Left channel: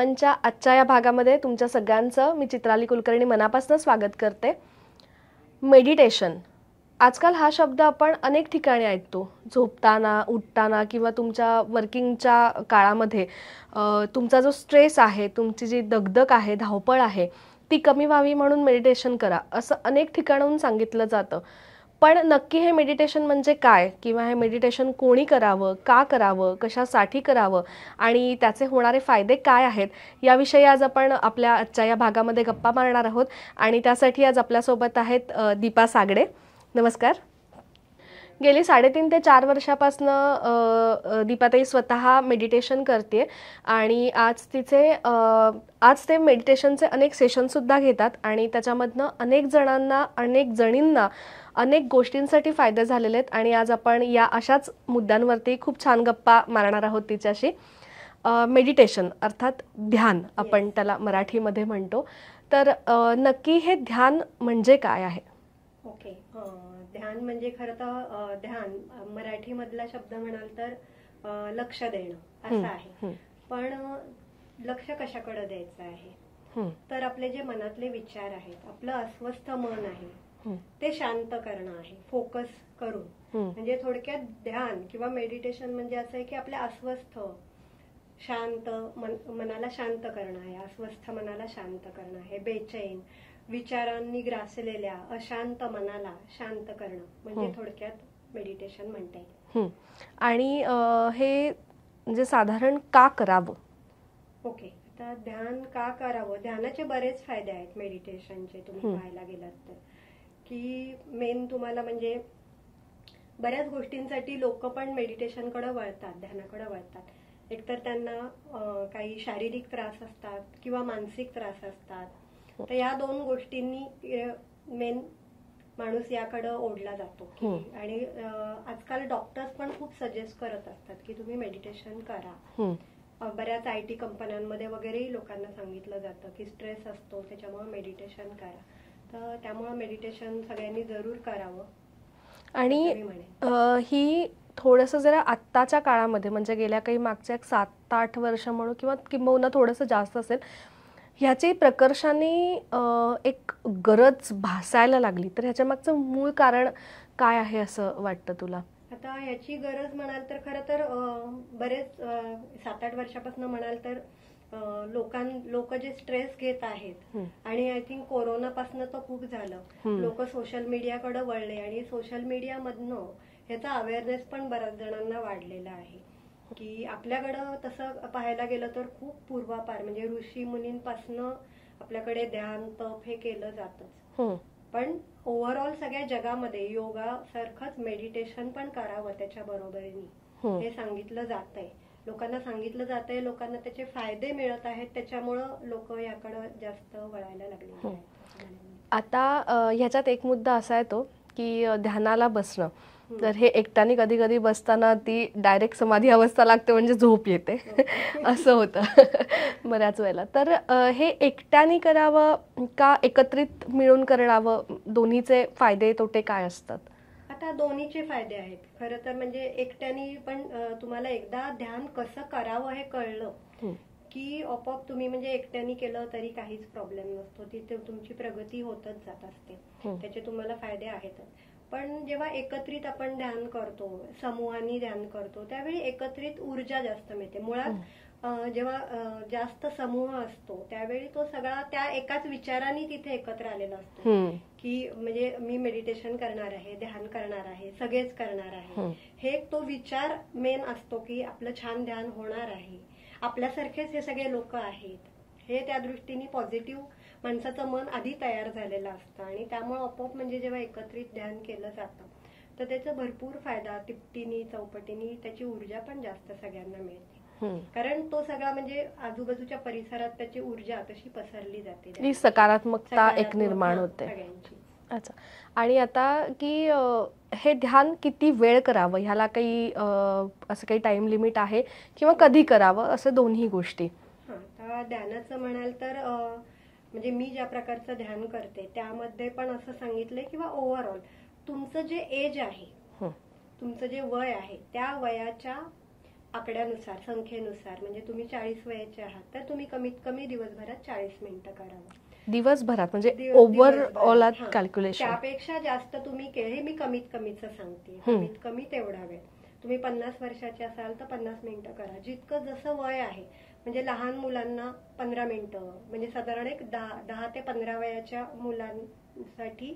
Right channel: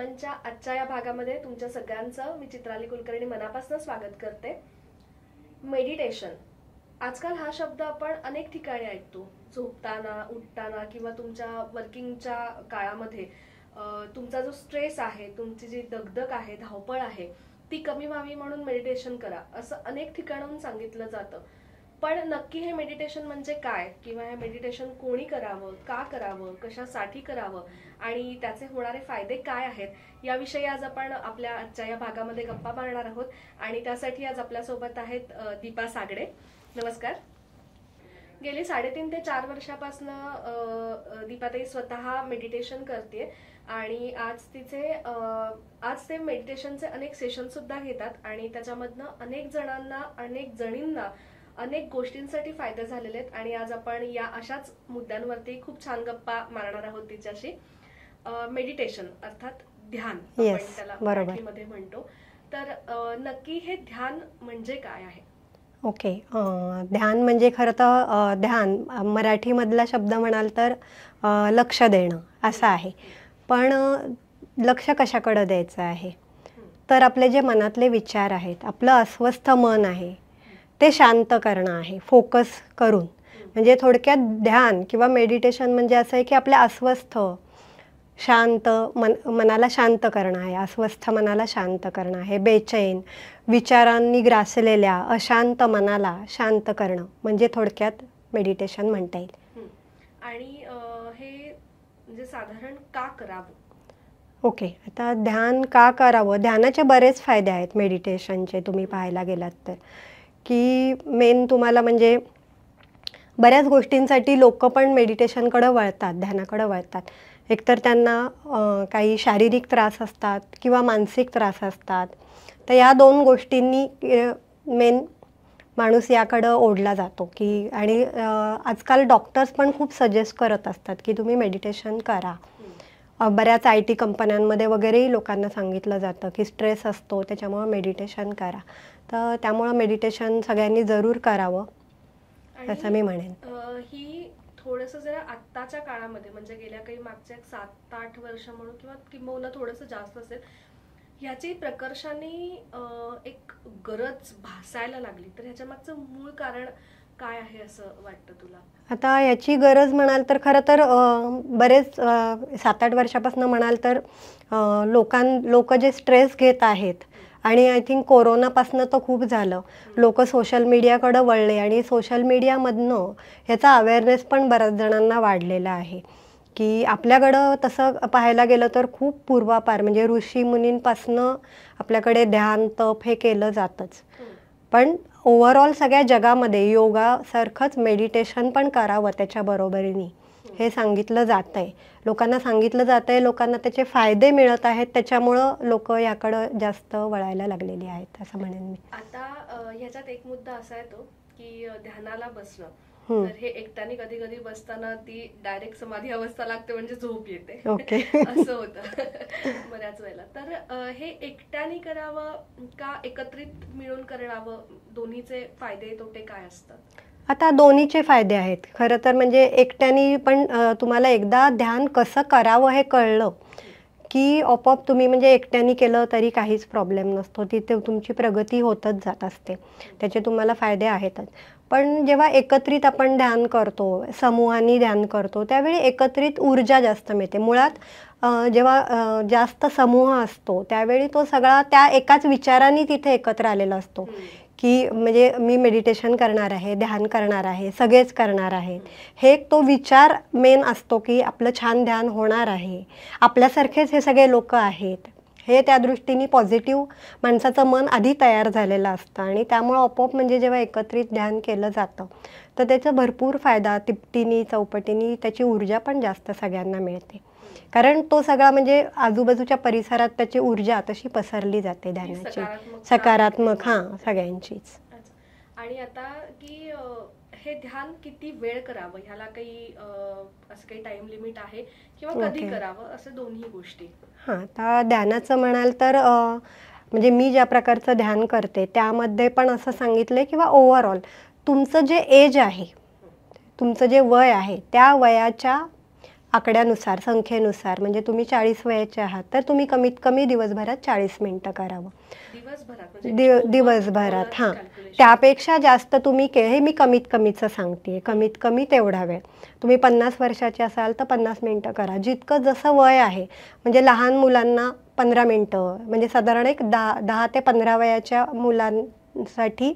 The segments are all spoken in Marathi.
नमनच्या आजच्या या भागामध्ये तुमच्या सगळ्यांचं मी चित्राली कुलकर्णी मनापासून स्वागत करते। मेडिटेशन आजकाल हा शब्द आपण अनेक ठिकाणी ऐकतो, झोपताना, उठताना किंवा तुमच्या वर्किंगच्या काळामध्ये तुमचा जो स्ट्रेस आहे, तुमची जी दगदग आहे, धावपळ आहे, ती कमी व्हावी म्हणून मेडिटेशन करा असं अनेक ठिकाणाहून सांगितलं जातं। पण नक्की हे मेडिटेशन म्हणजे काय किंवा हे मेडिटेशन कोणी करावं, का करावं, कशासाठी करावं आणि त्याचे होणारे फायदे काय आहेत याविषयी आज आपण आपल्या आजच्या या भागामध्ये गप्पा मारणार आहोत। आणि त्यासाठी आज आपल्यासोबत आहेत दीपा सागडे। नमस्कार। गेली 3.5 ते 4 वर्षापासून दीपाताई स्वतः मेडिटेशन करते आणि आज ते मेडिटेशनचे अनेक सेशन सुद्धा घेतात आणि त्याच्यामधनं अनेक जणांना, अनेक जणींना अनेक गोष्टींसाठी फायदे झालेले आहेत आणि आज आपण या अशाच मुद्द्यांवरती खूप छान गप्पा मारणार आहोत तिच्याशी। मेडिटेशन अर्थात ध्यान आपण त्याला मराठीमध्ये म्हणतो, तर नक्की हे ध्यान म्हणजे काय आहे? ओके, ध्यान म्हणजे खरं तर ध्यान मराठीमधला शब्द म्हणाल तर लक्ष देणं असं आहे। पण लक्ष कशाकडे द्यायचं आहे? तर आपले जे मनातले विचार आहेत, आपलं अस्वस्थ मन आहे ते शांत करणं आहे, फोकस करून। म्हणजे थोडक्यात ध्यान किंवा मेडिटेशन म्हणजे असं आहे की आपल्या अस्वस्थ शांत मनाला शांत करणं आहे, अस्वस्थ मनाला शांत करणं आहे, बेचैन विचारांनी ग्रासलेल्या अशांत मनाला शांत करणं म्हणजे थोडक्यात मेडिटेशन म्हणता येईल। आणि हे म्हणजे साधारण का करावं? ओके, आता ध्यान का करावं? ध्यानाचे बरेच फायदे आहेत मेडिटेशनचे तुम्ही पाहायला गेलात तर, की मेन तुम्हाला म्हणजे बऱ्याच गोष्टींसाठी लोक पण मेडिटेशनकडे वळतात, ध्यानाकडे वळतात। एकतर त्यांना काही शारीरिक त्रास असतात किंवा मानसिक त्रास असतात, तर या दोन गोष्टींनी मेन माणूस याकडे ओढला जातो की आणि आजकाल डॉक्टर्स पण खूप सजेस्ट करत असतात की तुम्ही मेडिटेशन करा। बऱ्याच IT कंपन्यांमध्ये वगैरेही लोकांना सांगितलं जातं की स्ट्रेस असतो त्याच्यामुळे मेडिटेशन करा, तर त्यामुळे मेडिटेशन सगळ्यांनी जरूर करावं आणि असं मी म्हणेन। ही थोडंसं जरा आत्ताच्या काळामध्ये म्हणजे गेल्या काही मागच्या 7-8 वर्ष म्हणू किंवा किंबहुना थोडंसं जास्त असेल, ह्याची प्रकर्षाने एक गरज भासायला लागली, तर ह्याच्या मागचं मूळ कारण काय आहे असं वाटतं तुला? आता याची गरज म्हणाल तर खरं तर बरेच 7-8 वर्षापासून म्हणाल तर लोक जे स्ट्रेस घेत आहेत आणि आय थिंक कोरोनापासून तर खूप झालं, लोक सोशल मीडियाकडे वळले आणि सोशल मीडियामधनं ह्याचा अवेअरनेस पण बऱ्याच जणांना वाढलेला आहे की आपल्याकडं तसं पाहायला गेलं तर खूप पूर्वापार म्हणजे ऋषी मुनींपासनं आपल्याकडे ध्यान तप हे केलं जातच। पण ओव्हरऑल सगळ्या जगामध्ये योगासारखंच मेडिटेशन पण करावं त्याच्या बरोबरीने हे सांगितलं जातंय, लोकांना सांगितलं जातंय, लोकांना त्याचे फायदे मिळत आहेत, त्याच्यामुळं लोक याकडं जास्त वळायला लागलेली आहेत असं म्हणेन मी। आता ह्याच्यात एक मुद्दा असा येतो की ध्यानाला बसणं, तर हे एकट्याने कधी कधी बसताना ती डायरेक्ट समाधी अवस्था लागते म्हणजे झोप येते असं होतं बऱ्याच वेळेला। तर हे एकट्याने करावं का एकत्रित मिळून करावं? दोन्हीचे फायदे तोटे काय असतात? आता दोन्हीचे फायदे आहेत खरं तर। म्हणजे एकट्याने पण तुम्हाला एकदा ध्यान कसं करावं हे कळलं की आपोआप तुम्ही म्हणजे एकट्याने केलं तरी काहीच प्रॉब्लेम नसतो, तिथे तुमची प्रगती होतच जात असते, त्याचे तुम्हाला फायदे आहेतच। पण जेव्हा एकत्रित आपण ध्यान करतो, समूहाने ध्यान करतो, त्यावेळी एकत्रित ऊर्जा जास्त मिळते। मुळात जेव्हा जास्त समूह असतो त्यावेळी तो सगळा त्या एकाच विचाराने तिथे एकत्र आलेला असतो की म्हणजे मी मेडिटेशन करणार आहे, ध्यान करणार आहे, सगळेच करणार आहे, हे तो विचार मेन असतो की आपलं छान ध्यान होणार आहे, आपल्यासारखेच हे सगळे लोक आहेत, हे त्या दृष्टीने पॉझिटिव्ह माणसाचं मन आधी तयार झालेलं असतं आणि त्यामुळे आपोआप म्हणजे जेव्हा एकत्रित ध्यान केलं जातं तर त्याचा भरपूर फायदा तिपटीनी चौपटीनी त्याची ऊर्जा पण जास्त सगळ्यांना मिळते, कारण तो सगळा म्हणजे आजूबाजूच्या परिसरात त्याची ऊर्जा तशी पसरली जाते, सकारात्मक सगळ्यांचीच। अच्छा, आणि आता की हे ध्यान किती वेळ करावं ह्याला काही असं काही टाइम लिमिट आहे किंवा कधी करावं असं दोन्ही गोष्टी? हां, आता ध्यानाचं म्हणाल तर म्हणजे मी ज्या प्रकारचं ध्यान करते त्यामध्ये पण असं सांगितलंय किंवा ओव्हरऑल तुमचं जे एज आहे, तुमचं जे वय आहे त्या वयाच्या आकड्यानुसार, संख्येनुसार, म्हणजे तुम्ही 40 वयाचे आहात तर तुम्ही कमीत कमी दिवसभरात 40 मिनिटं करावं. दिवसभरात म्हणजे दिवसभरात, हां. कॅल्क्युलेशन. त्यापेक्षा जास्त तुम्ही हे मी कमीत कमीचं सांगते, कमीत कमी तेवढा वेळ. तुम्ही 50 वर्षाचे असाल तर 50 मिनिटं करा. जितकं जसं वय आहे, म्हणजे लहान मुलांना 15 मिनिटं, म्हणजे साधारण एक 10 ते 15 वयाच्या मुलांसाठी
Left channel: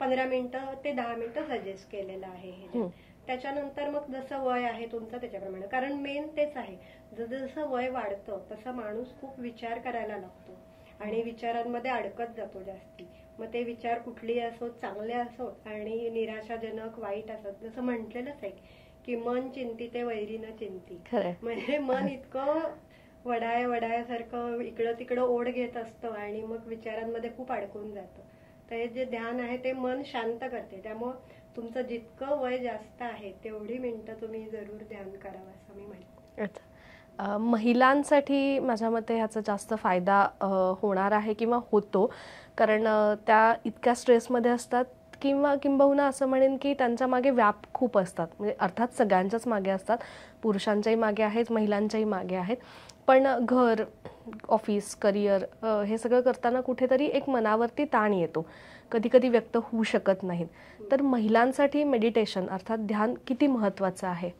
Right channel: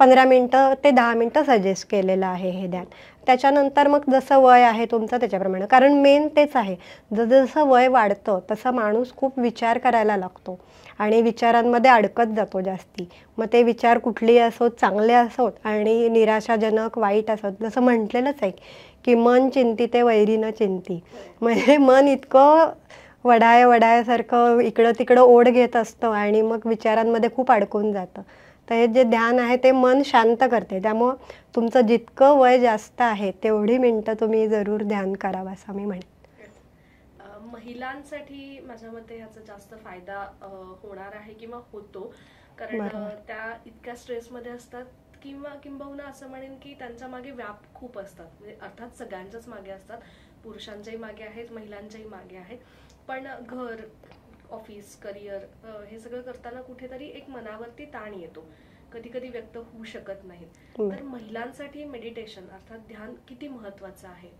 15 मिनिटं ते 10 मिनिटं सजेस्ट केलेलं आहे हे ध्यान. त्याच्यानंतर मग जसं वय आहे तुमचं त्याच्याप्रमाणे, कारण मेन तेच आहे, जसं वय वाढतं तसं माणूस खूप विचार करायला लागतो आणि विचारांमध्ये अडकत जातो जास्ती. मग ते विचार कुठलेही असोत, चांगले असोत आणि निराशाजनक, वाईट असोत. जसं म्हटलेलंच आहे की मन चिंतिते वैरी न चिंती. म्हणजे मन इतकं वडायासारखं इकडं तिकडं ओढ घेत असतं आणि मग विचारांमध्ये खूप अडकून जातं. तर हे जे ध्यान आहे ते मन शांत करते. त्यामुळं तुमचं जितकं वय जास्त आहे तेवढी मिनिटं तुम्ही जरूर ध्यान करावं असं मी म्हणेन. महिलांसाठी माझ्या मते ह्याचा जास्त फायदा होणार आहे किंवा होतो, कारण त्या इतक्या स्ट्रेसमध्ये असतात किंबहुना असं म्हणेन की त्यांच्या मागे व्याप खूप असतात. म्हणजे अर्थात सगळ्यांच्याच मागे असतात, पुरुषांच्याही मागे आहेत, महिलांच्याही मागे आहेत. पण घर, ऑफिस, करिअर हे सगळं करताना कुठेतरी एक मनावरती ताण येतो, कधी कधी व्यक्त होऊ शकत नाहीत. तर महिलांसाठी मेडिटेशन अर्थात ध्यान किती महत्त्वाचं आहे?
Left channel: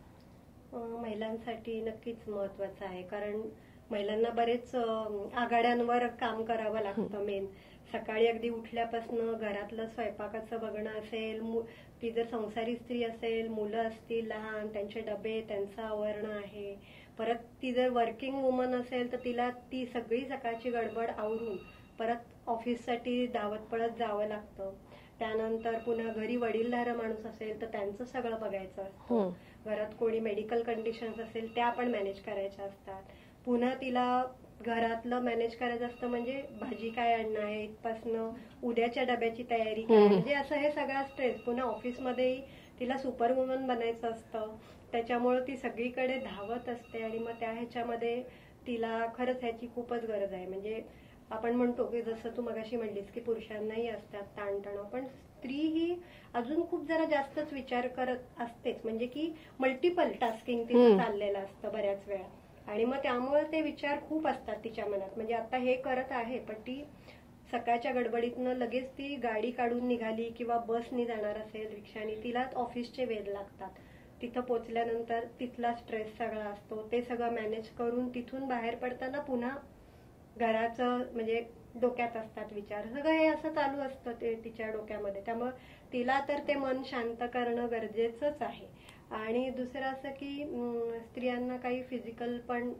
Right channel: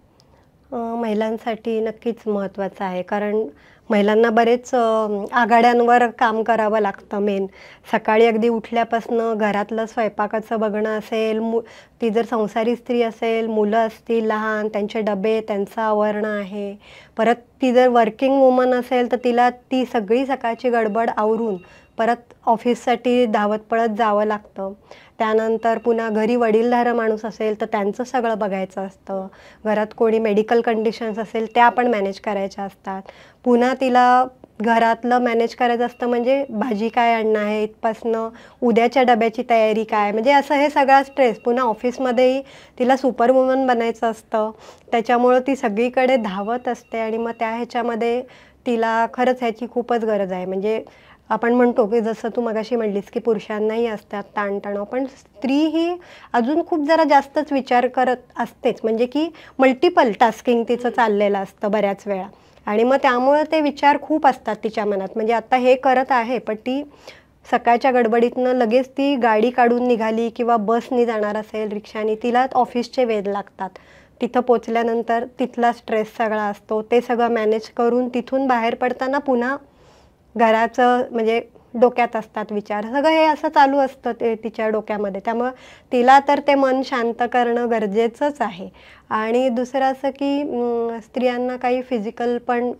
महिलांसाठी नक्कीच महत्त्वाचं आहे, कारण महिलांना बरेच आघाड्यांवर काम करावं लागतं. मेन सकाळी अगदी उठल्यापासनं घरातलं स्वयंपाकाचं बघणं असेल, ती जर संसारी स्त्री असेल, मुलं असतील लहान, त्यांचे डबे, त्यांचं आवरणं आहे. परत ती जर वर्किंग वुमन असेल तर तिला ती सगळी सकाळची गडबड आवरून परत ऑफिससाठी धावत पळत जावं लागतं. त्यानंतर पुन्हा घरी वडीलधारं माणूस असेल तर त्यांचं सगळं बघायचं असतं. घरात कोणी मेडिकल कंडिशन्स असेल त्या पण मॅनेज करायच्या असतात. पुन्हा तिला घरातलं मॅनेज करायचं असतं, म्हणजे भाजी काय आणणं आहे इथपासनं उद्याच्या डब्याची तयारी काय, म्हणजे असं हे सगळा स्ट्रेस. पुन्हा ऑफिसमध्येही तिला सुपरवुमन बनायचं असतं, त्याच्यामुळं ती सगळीकडे धावत असते आणि मग त्या ह्याच्यामध्ये तिला खरंच ह्याची खूपच गरज आहे. म्हणजे आपण म्हणतो की जसं तू मगाशी म्हणलीस की पुरुषांनाही असतात ताणतणाव, पण स्त्री ही अजून खूप जरा जास्तच विचार करत असतेच, म्हणजे की मल्टिपल टास्किंग तिचं चाललेलं असतं बऱ्याच वेळा. आणि मग त्यामुळे ते विचार खूप असतात तिच्या मनात. म्हणजे आता हे करत आहे पण ती सकाळच्या गडबडीतनं लगेच ती गाडी काढून निघाली किंवा बसनी जाणार असेल, रिक्षानी, तिला ऑफिसचे वेध लागतात. तिथं पोचल्यानंतर तिथला स्ट्रेस सगळा असतो, ते सगळं मॅनेज करून तिथून बाहेर पडताना पुन्हा घराचं म्हणजे डोक्यात असतात विचार, सगळं हे असं चालू असतं ते तिच्या डोक्यामध्ये. त्यामुळं तिला तर ते मन शांत करणं गरजेचंच आहे. आणि दुसरं असं की स्त्रियांना काही फिजिकल पण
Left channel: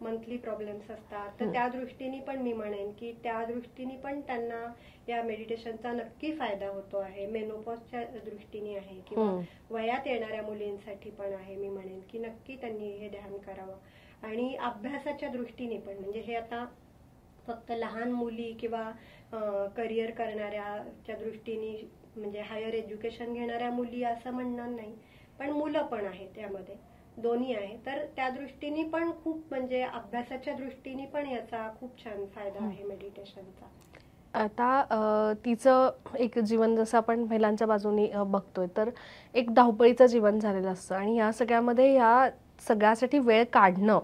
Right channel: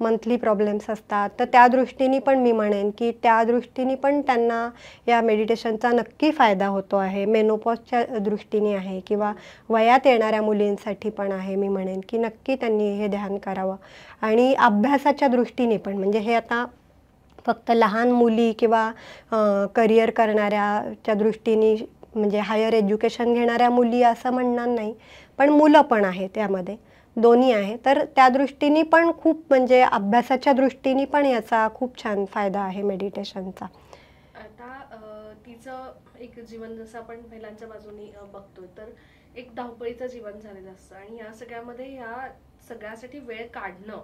मंथली प्रॉब्लेम्स असतात, तर त्या दृष्टीने पण मी म्हणेन की त्या दृष्टीने पण त्यांना या मेडिटेशनचा नक्की फायदा होतो आहे. मेनोपॉजच्या दृष्टीने आहे किंवा वयात येणाऱ्या मुलींसाठी पण आहे. मी म्हणेन की नक्की त्यांनी हे ध्यान करावं. आणि अभ्यासाच्या दृष्टीने पण, म्हणजे हे आता फक्त लहान मुली किंवा करिअर करणाऱ्याच्या दृष्टीने, म्हणजे हायर एज्युकेशन घेणाऱ्या मुली असं म्हणणार नाही, पण मुलं पण आहे त्यामध्ये, दोन्ही आहे. तर त्या दृष्टीने पण खूप, म्हणजे अभ्यासाच्या दृष्टीने पण याचा खूप छान फायदा आहे मेडिटेशनचा. आता तिचं एक जीवन जसं आपण महिलांच्या बाजूने बघतोय तर एक धावपळीचं जीवन झालेलं असतं आणि या सगळ्यामध्ये या सगळ्यासाठी वेळ काढणं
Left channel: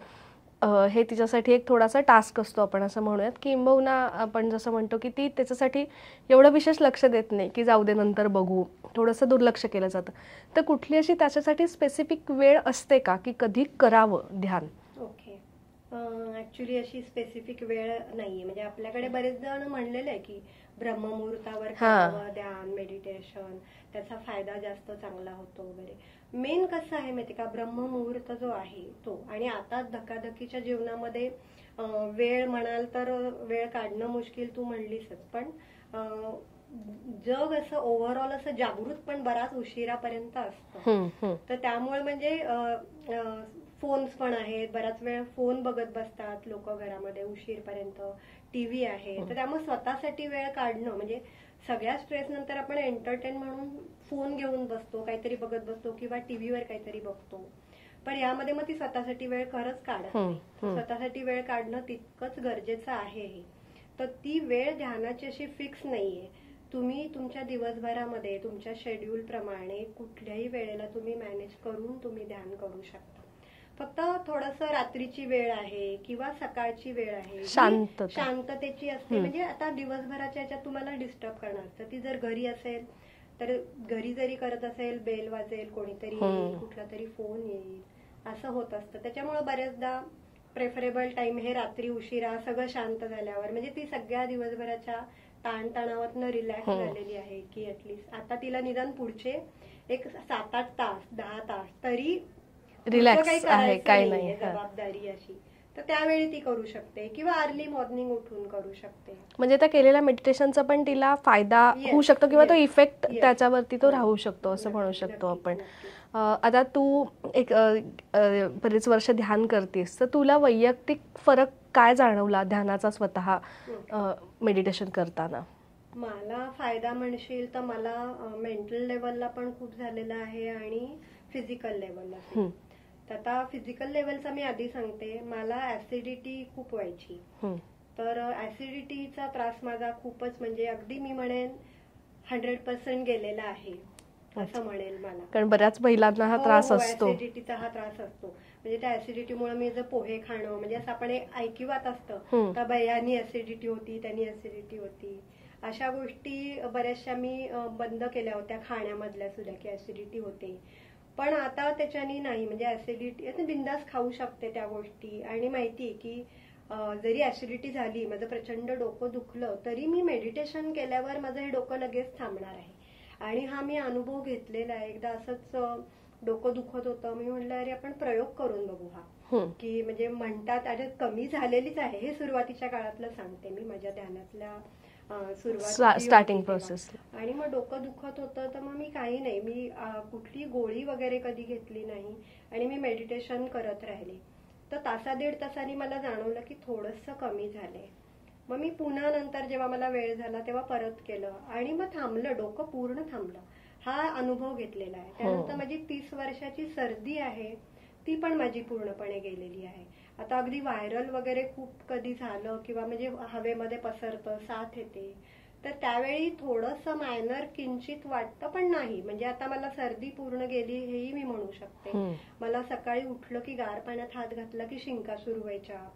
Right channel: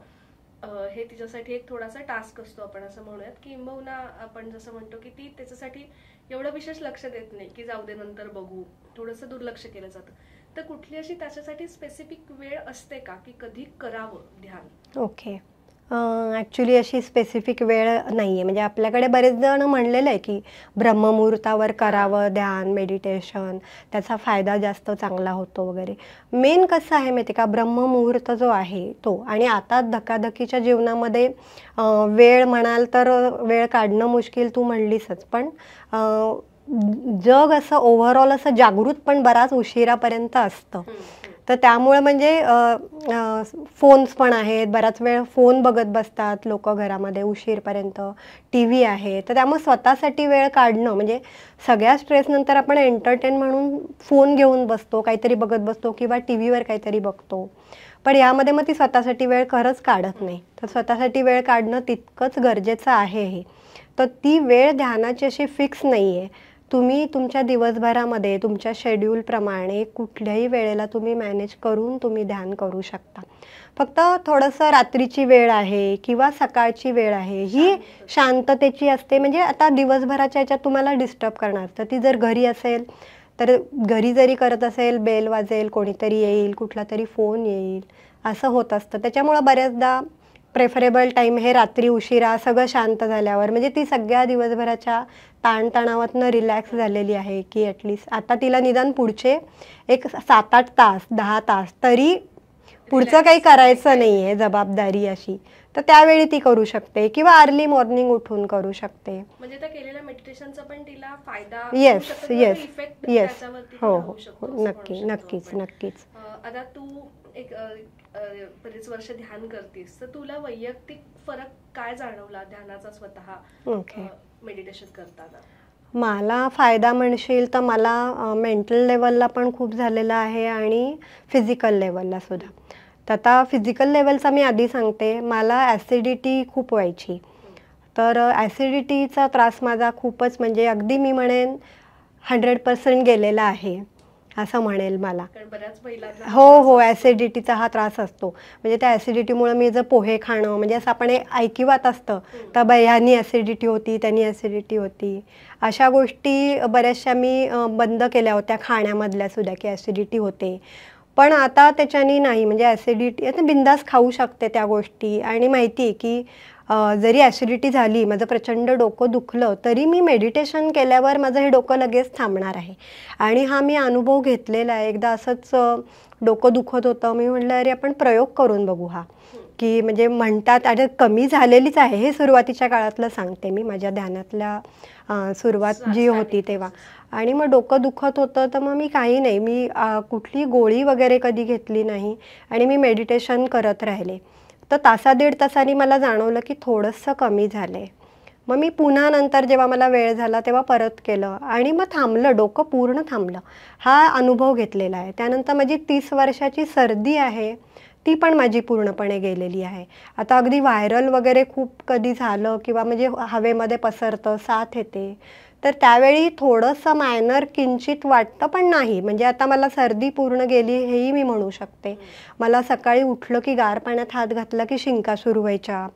हे तिच्यासाठी एक थोडासा टास्क असतो, आपण असं म्हणूयात. किंबहुना आपण जसं म्हणतो की ती त्याच्यासाठी एवढं विशेष लक्ष देत नाही, की जाऊ दे नंतर बघू, थोडंसं दुर्लक्ष केलं जातं. तर कुठली अशी त्याच्यासाठी स्पेसिफिक वेळ असते का की कधी करावं ध्यान? ओके, ॲक्च्युली अशी स्पेसिफिक वेळ नाही आहे. म्हणजे आपल्याकडे बरेच जण म्हणलेलं आहे की ब्रह्ममुहूर्तावर करावं ध्यान, मेडिटेशन, त्याचा फायदा जास्त चांगला होतो वगैरे. मेन कसं आहे माहिती का, ब्रह्ममुहूर्त जो आहे तो, आणि आता धकाधकीच्या जीवनामध्ये वेळ म्हणाल तर वेळ काढणं मुश्किल, तू म्हणलीसच, पण जग असं ओव्हरऑल असं जागृत पण बराच उशिरापर्यंत असतं. तर त्यामुळे म्हणजे फोन्स पण आहेत, बराच वेळ फोन बघत बसतात लोक घरामध्ये उशीरपर्यंत, टी व्ही आहे. तर त्यामुळे स्वतःसाठी वेळ काढणं, म्हणजे सगळ्या स्ट्रेस नंतर आपण एंटरटेन म्हणून फोन घेऊन बसतो, काहीतरी बघत बसतो किंवा टी व्हीवर काहीतरी बघतो, पण यामध्ये मग ती स्वतःसाठी वेळ खरंच काढत नाही. तर स्वतःसाठी वेळ काढणं तितकंच गरजेचं आहे हे. तर ती वेळ ध्यानाची अशी फिक्स नाही आहे. तुम्ही तुमच्या दिवसभरामध्ये तुमच्या शेड्यूल प्रमाणे कुठल्याही वेळेला तुम्ही मॅनेज करून तुम्ही ध्यान करू शकता. फक्त थोडंसं रात्रीची वेळ आहे किंवा सकाळची वेळ आहे ही शांततेची असते. म्हणजे आता दिवसभराच्या ह्याच्यात तुम्हाला डिस्टर्ब करणार असतं. ती जर घरी असेल तर घरी जरी करत असेल बेल वाजेल, कोणीतरी येईल, कुठला तरी फोन येईल, असं होत असतं. त्याच्यामुळं बऱ्याचदा प्रेफरेबल टाइम हे रात्री उशिरा सगळं शांत झाल्यावर, म्हणजे ती सगळ्या दिवसभराच्या ताणतणावातनं रिलॅक्स झालेली आहे की ॲटलिस्ट आता तिला निदान पुढचे एक 7-8 तास 10 तास तरी पुढचं काही करायचं नाहीये जबाबदारी अशी, तर त्यावेळी ती करू शकते किंवा अर्ली मॉर्निंग उठून करू शकते. म्हणजे त्या केलेल्या मेडिटेशनचा पण तिला फायदा होऊ शकतो किंवा तो इफेक्ट त्याच्यावरती तो राहू शकतो असं म्हणू शकतो आपण. आता तू एक बरेच वर्ष ध्यान करतेस, तर तुला वैयक्तिक फरक काय जाणवला ध्यानाचा स्वतः मेडिटेशन करताना? मला फायदा म्हणशील तर मला मेंटल लेवलला पण खूप झालेला आहे आणि फिजिकल लेवलला सुद्धा. तर आता फिजिकल लेवलचा मी आधी सांगते. मला ॲसिडिटी खूप व्हायची, तर ॲसिडिटीचा त्रास माझा खूपच म्हणजे अगदी मी म्हणेन 100% गेलेला आहे असं म्हणेल मला. कारण बऱ्याच महिलांना हो ॲसिडिटीचा हा त्रास असतो. म्हणजे त्या ॲसिडिटीमुळे मी जर पोहे खाणं, म्हणजे असं आपण ऐकिवात असतं तर ह्यानी ॲसिडिटी होती, त्यांनी ॲसिडिटी होती, अशा गोष्टी बऱ्याचशा मी बंद केल्या होत्या खाण्यामधल्या सुद्धा की ॲसिडिटी होते. पण आता त्याच्यानी नाही, म्हणजे ॲसिडिटी आता बिंदास खाऊ शकते त्या गोष्टी. आणि माहिती आहे की जरी ॲसिडिटी झाली, माझं प्रचंड डोकं दुखलं, तरी मी मेडिटेशन केल्यावर माझं हे डोकं लगेच थांबणार आहे. आणि हा मी अनुभव घेतलेला आहे. एकदा असंच डोकं दुखत होतं, मी म्हटलं अरे आपण प्रयोग करून बघू हा, की म्हणजे म्हणतात आणि कमी झालेलीच आहे. हे सुरुवातीच्या काळातलं सांगते मी, माझ्या ध्यानातल्या सुरुवात जी होती तेव्हा. आणि मग डोकं दुखत होतं, तर मग मी काही नाही, मी कुठली गोळी वगैरे कधी घेतली नाही आणि मी मेडिटेशन करत राहिले. तर तासा दीड तासांनी मला जाणवलं की थोडंसं कमी झालंय. मग मी पुन्हा नंतर जेव्हा मला वेळ झाला तेव्हा परत केलं आणि मग थांबलं, डोकं पूर्ण थांबलं. हा अनुभव घेतलेला आहे. त्यानंतर माझी 30 वर्षाची सर्दी आहे, ती पण माझी पूर्णपणे गेलेली आहे. आता अगदी व्हायरल वगैरे खूप कधी झालं किंवा म्हणजे हवेमध्ये पसरतं, साथ येते, तर त्यावेळी थोडंसं मायनर किंचित वाटतं, पण नाही म्हणजे आता मला सर्दी पूर्ण गेली हेही मी म्हणू शकते. मला सकाळी उठलं की गार पाण्यात हात घातला की शिंका सुरू व्हायच्या,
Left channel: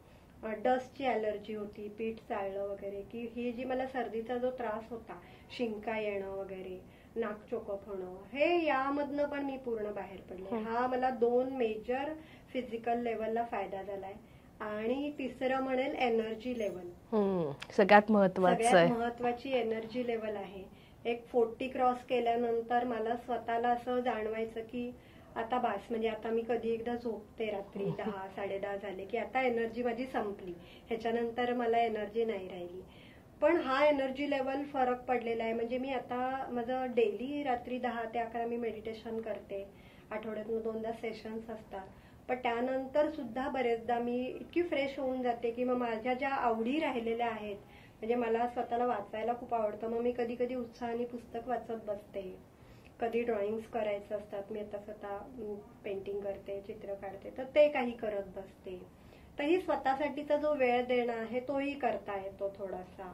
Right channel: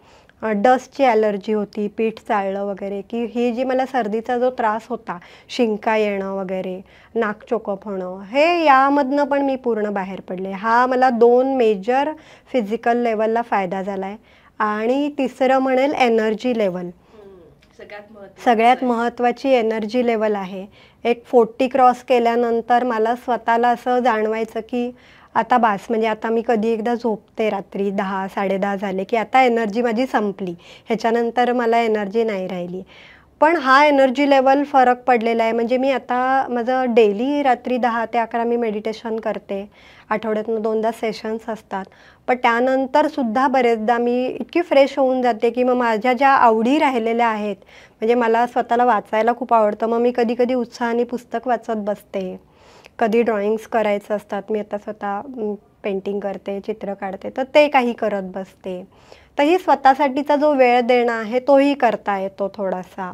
डस्टची ॲलर्जी होती, पीठ चाळलं वगैरे, की ही जी मला सर्दीचा जो त्रास होता, शिंका येणं वगैरे, नाक चोकप होणं, हे यामधनं पण मी पूर्ण बाहेर पडले. हा मला 2 मेजर फिजिकल लेवलला फायदा झाला आहे. आणि तिसरं म्हणेल एनर्जी लेवल, सगळ्यात महत्त्वाची एनर्जी लेवल आहे. एक 40 क्रॉस केल्यानंतर मला स्वतःला असं जाणवायचं की आता बास, म्हणजे आता मी कधी एकदा झोपते रात्री 10 10:30 झाले की आता एनर्जी माझी संपली, ह्याच्यानंतर मला एनर्जी नाही राहिली. पण हा एनर्जी लेवल फरक पडलेला आहे. म्हणजे मी आता माझं डेली रात्री 10 ते 11 मी मेडिटेशन करते. आठवड्यातनं 2दा सेशन्स असतात. पण त्यानंतर सुद्धा बरेचदा मी इतकी फ्रेश होऊन जाते की मग माझ्या ज्या आवडी राहिलेल्या आहेत, म्हणजे मला स्वतःला वाचायला खूप आवडतं, मग मी कधी कधी उत्साहाने पुस्तक वाचत बसते. कधी ड्रॉइंग्स करायचं असतात, मी आता स्वतः पेंटिंग करते, चित्र काढते, तर ते काही करत बसते. तर ही स्वतःसाठीचा जो वेळ देणं आहे तोही करता येतो थोडासा.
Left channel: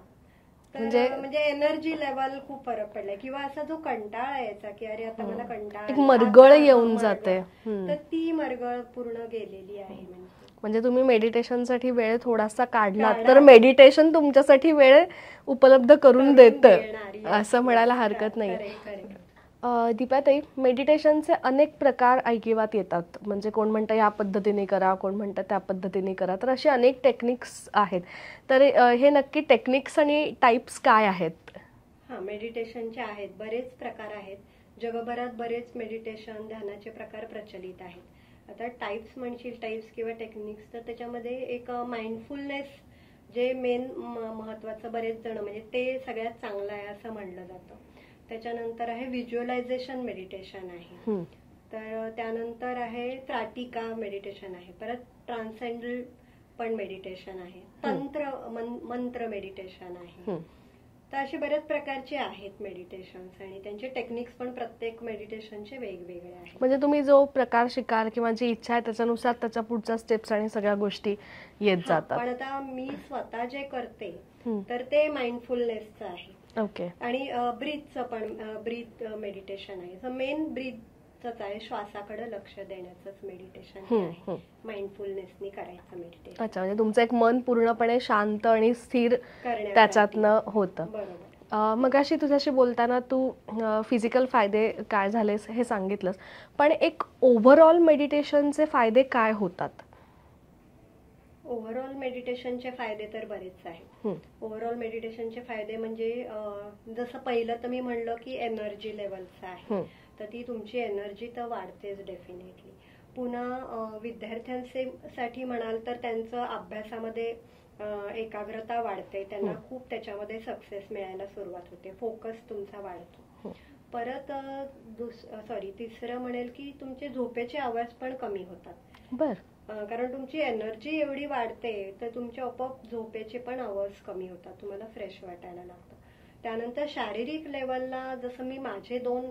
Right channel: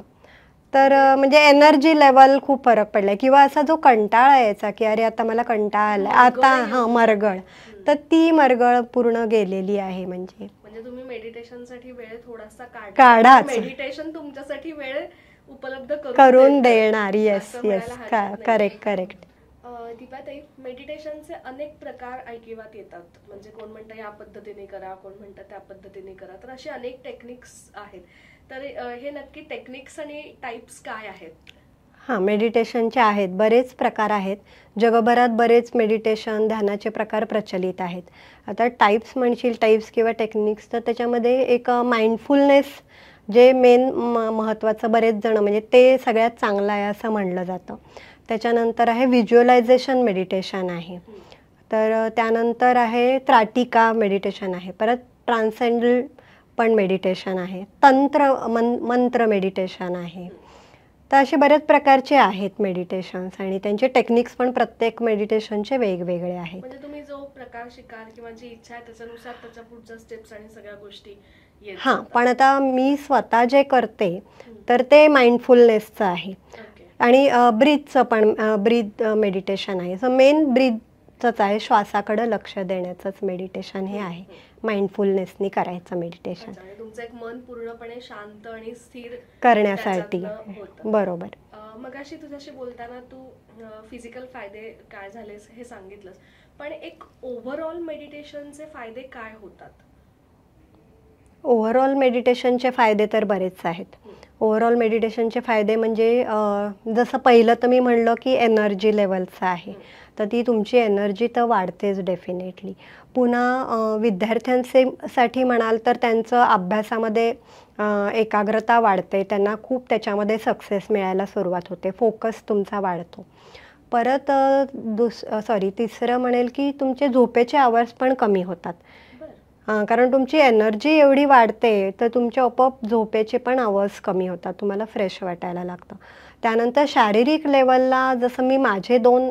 तर म्हणजे एनर्जी लेवल खूप फरक पडलाय. किंवा असा जो कंटाळा यायचा की अरे आता मला कंटाळा आला, आता मरगळ, तर ती मरगळ पूर्ण गेलेली आहे. म्हणजे तुम्ही मेडिटेशनसाठी वेळ थोडासा काढला, मेडिटेशन तुमच्यासाठी वेळ उपलब्ध करून देणारी असं म्हणायला हरकत नाही. Correct correct. दीपाताई, मेडिटेशनचे अनेक प्रकार ऐकिवात येतात. म्हणजे कोण म्हणतं या पद्धतीने करा, कोण म्हणतं त्या पद्धतीने करा, तर असे अनेक टेक्निक्स आहेत. तर हे नक्की टेक्निक्स आणि टाईप्स काय आहेत? हां, मेडिटेशनचे आहेत, बरेच प्रकार आहेत. जगभरात बरेच मेडिटेशन ध्यानाचे प्रकार प्रचलित आहेत. आता टाईप्स म्हणशील, टाईप्स किंवा टेक्निक्स, तर त्याच्यामध्ये एक माइंडफुलनेस जे मेन महत्त्वाचं, बरेच जण म्हणजे ते सगळ्यात चांगलं आहे असं म्हणलं जातं. त्याच्यानंतर आहे व्हिज्युअलायझेशन मेडिटेशन आहे. तर त्यानंतर आहे त्राटिका मेडिटेशन आहे. परत ट्रान्सेंडल पण मेडिटेशन आहे. मंत्र मेडिटेशन आहे. तर असे बऱ्याच प्रकारचे आहेत मेडिटेशन्स आणि त्यांचे टेक्निक्स पण प्रत्येक मेडिटेशनचे वेगवेगळे आहेत. म्हणजे तुम्ही जो प्रकार शिकाल किंवा जी इच्छा आहे त्याच्यानुसार त्याच्या पुढच्या स्टेप्स आणि सगळ्या गोष्टी येत जातात. पण आता मी स्वतः जे करते तर ते माइंडफुलनेसचं आहे. ओके. आणि ब्रीथचं पण ब्रीथ मेडिटेशन आहे. सो मेन ब्रीथच आहे, श्वासाकडे लक्ष देण्याचंच मेडिटेशन हे आहे. माइंडफुलनेसनी करायचं मेडिटेशन. अच्छा, म्हणजे तुमचं एक मन पूर्णपणे शांत आणि स्थिर करण्यासाठी होतं. बरोबर. मगाशी तुझ्याशी बोलताना तू फिजिकल फायदे काय झालेस हे सांगितलंस, पण एक ओव्हरऑल मेडिटेशनचे फायदे काय होतात? ओव्हरऑल मेडिटेशनचे फायदे तर बरेच आहेत. ओव्हरऑल मेडिटेशनचे फायदे म्हणजे जसं पहिलं तर मी म्हणलं की एनर्जी लेवलचं आहे, तर ती तुमची एनर्जी तर वाढतेच डेफिनेटली. पुन्हा विद्यार्थ्यांसाठी म्हणाल तर त्यांचं अभ्यासामध्ये एकाग्रता वाढते, त्यांना खूप त्याच्यामध्ये सक्सेस मिळायला सुरुवात होते, फोकस तुमचा वाढतो. परत तिसरं म्हणेल की तुमचे झोपेचे आवर्स पण कमी होतात. कारण तुमची एनर्जी एवढी वाढते तर तुमचे आपोआप झोपेचे पण आवर्स कमी होतात, तुम्हाला फ्रेश वाटायला लागतं. त्यानंतर शारीरिक लेवलला जसं मी माझे 2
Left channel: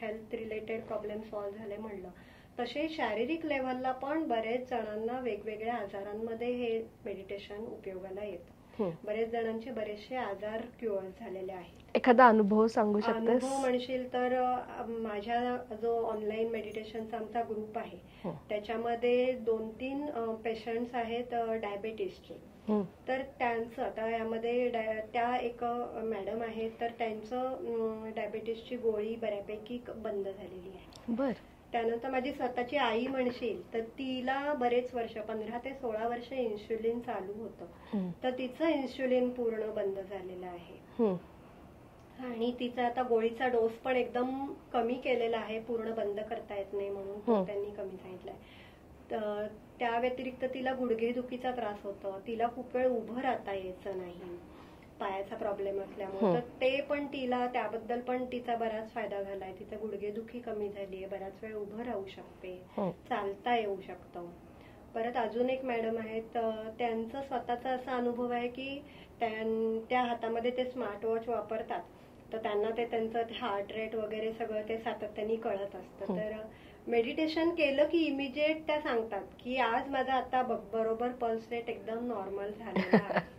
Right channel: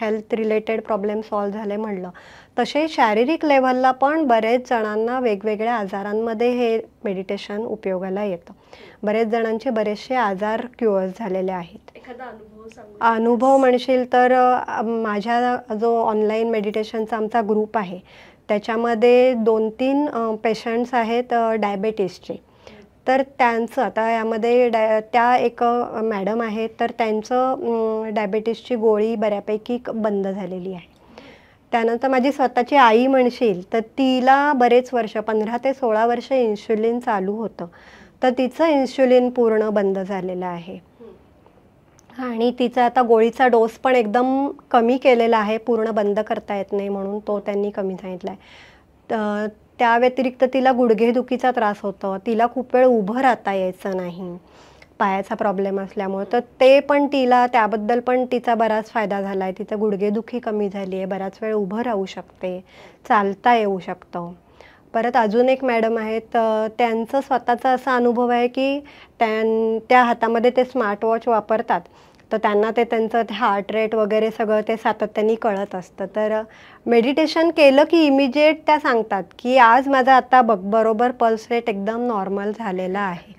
हेल्थ रिलेटेड प्रॉब्लेम सॉल्व्ह झाले म्हणलं, तसे शारीरिक लेवलला पण बरेच जणांना वेगवेगळ्या आजारांमध्ये हे मेडिटेशन उपयोगाला येतं. बरेच जणांचे बरेचसे आजार क्युअर झालेले आहेत. एखादा अनुभव सांगू? अनुभव म्हणशील तर माझ्या जो ऑनलाईन मेडिटेशनचा आमचा ग्रुप आहे त्याच्यामध्ये 2-3 पेशंट्स आहेत डायबेटीसचे. तर त्यांचं आता यामध्ये त्या एक मॅडम आहेत, तर त्यांचं डायबेटीसची गोळी बऱ्यापैकी बंद झालेली आहे. त्यानंतर माझी स्वतःची आई म्हणशील तर तिला बरेच वर्ष 15 ते 16 वर्ष इन्शुलिन चालू होतं, तर तिचं इन्शुलिन पूर्ण बंद झालेलं आहे. आणि तिचा आता गोळीचा डोस पण एकदम कमी केलेला आहे, पूर्ण बंद करता येत नाही म्हणून तो त्यांनी कमी सांगितला आहे. त्या व्यतिरिक्त तिला गुडघेदुखीचा त्रास होतो, तिला खूप वेळ उभं राहता यायचं नाही पायाचा प्रॉब्लेम असल्यामुळे, तर ते पण तिला त्याबद्दल पण तिचा बराच फायदा झाला आहे. तिचं गुडघेदुखी कमी झाली आहे, बराच वेळ उभं राहू शकते, चालता येऊ शकतं. परत अजून एक मॅडम आहेत, त्यांचं स्वतःचा असा अनुभव आहे की त्या हातामध्ये ते स्मार्टवॉच वापरतात, तर त्यांना ते त्यांचं हार्ट रेट वगैरे सगळं ते सातत्याने कळत असतं. तर मेडिटेशन केलं की इमिजिएट त्या सांगतात की आज माझा आता बरोबर पल्स रेट एकदम नॉर्मल झालेला आहे.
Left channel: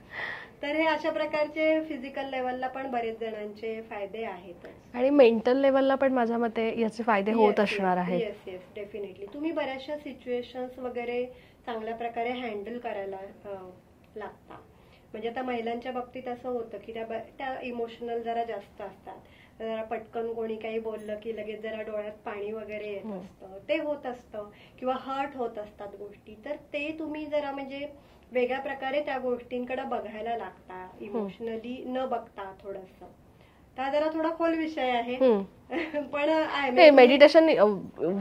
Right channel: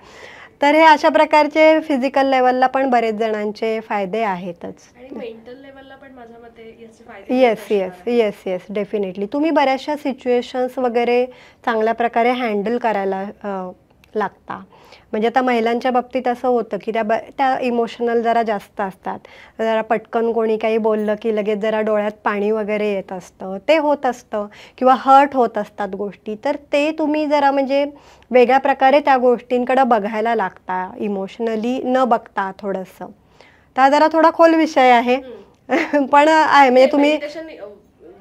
तर हे अशा प्रकारचे फिजिकल लेवलला पण बरेच जणांचे फायदे आहेतच. आणि मेंटल लेवलला पण माझ्या मते याचे फायदे होत असणार आहेत. Yes definitely. तुम्ही बऱ्याचशा सिच्युएशन्स वगैरे चांगल्या प्रकारे हँडल करायला लागता. म्हणजे आता महिलांच्या बाबतीत असं होतं की त्या इमोशनल जरा जास्त असतात, जरा पटकन कोणी काही बोललं की लगेच जरा डोळ्यात पाणी वगैरे येत असतं, ते होत असतं, किंवा हर्ट होत असतात गोष्टी. तर ते तुम्ही जरा म्हणजे वेगळ्या प्रकारे त्या गोष्टींकडे बघायला लागता, इमोशनली न बघता थोडंसं. तर जरा थोडा खोल विषय आहे पण आहे मेडिटेशन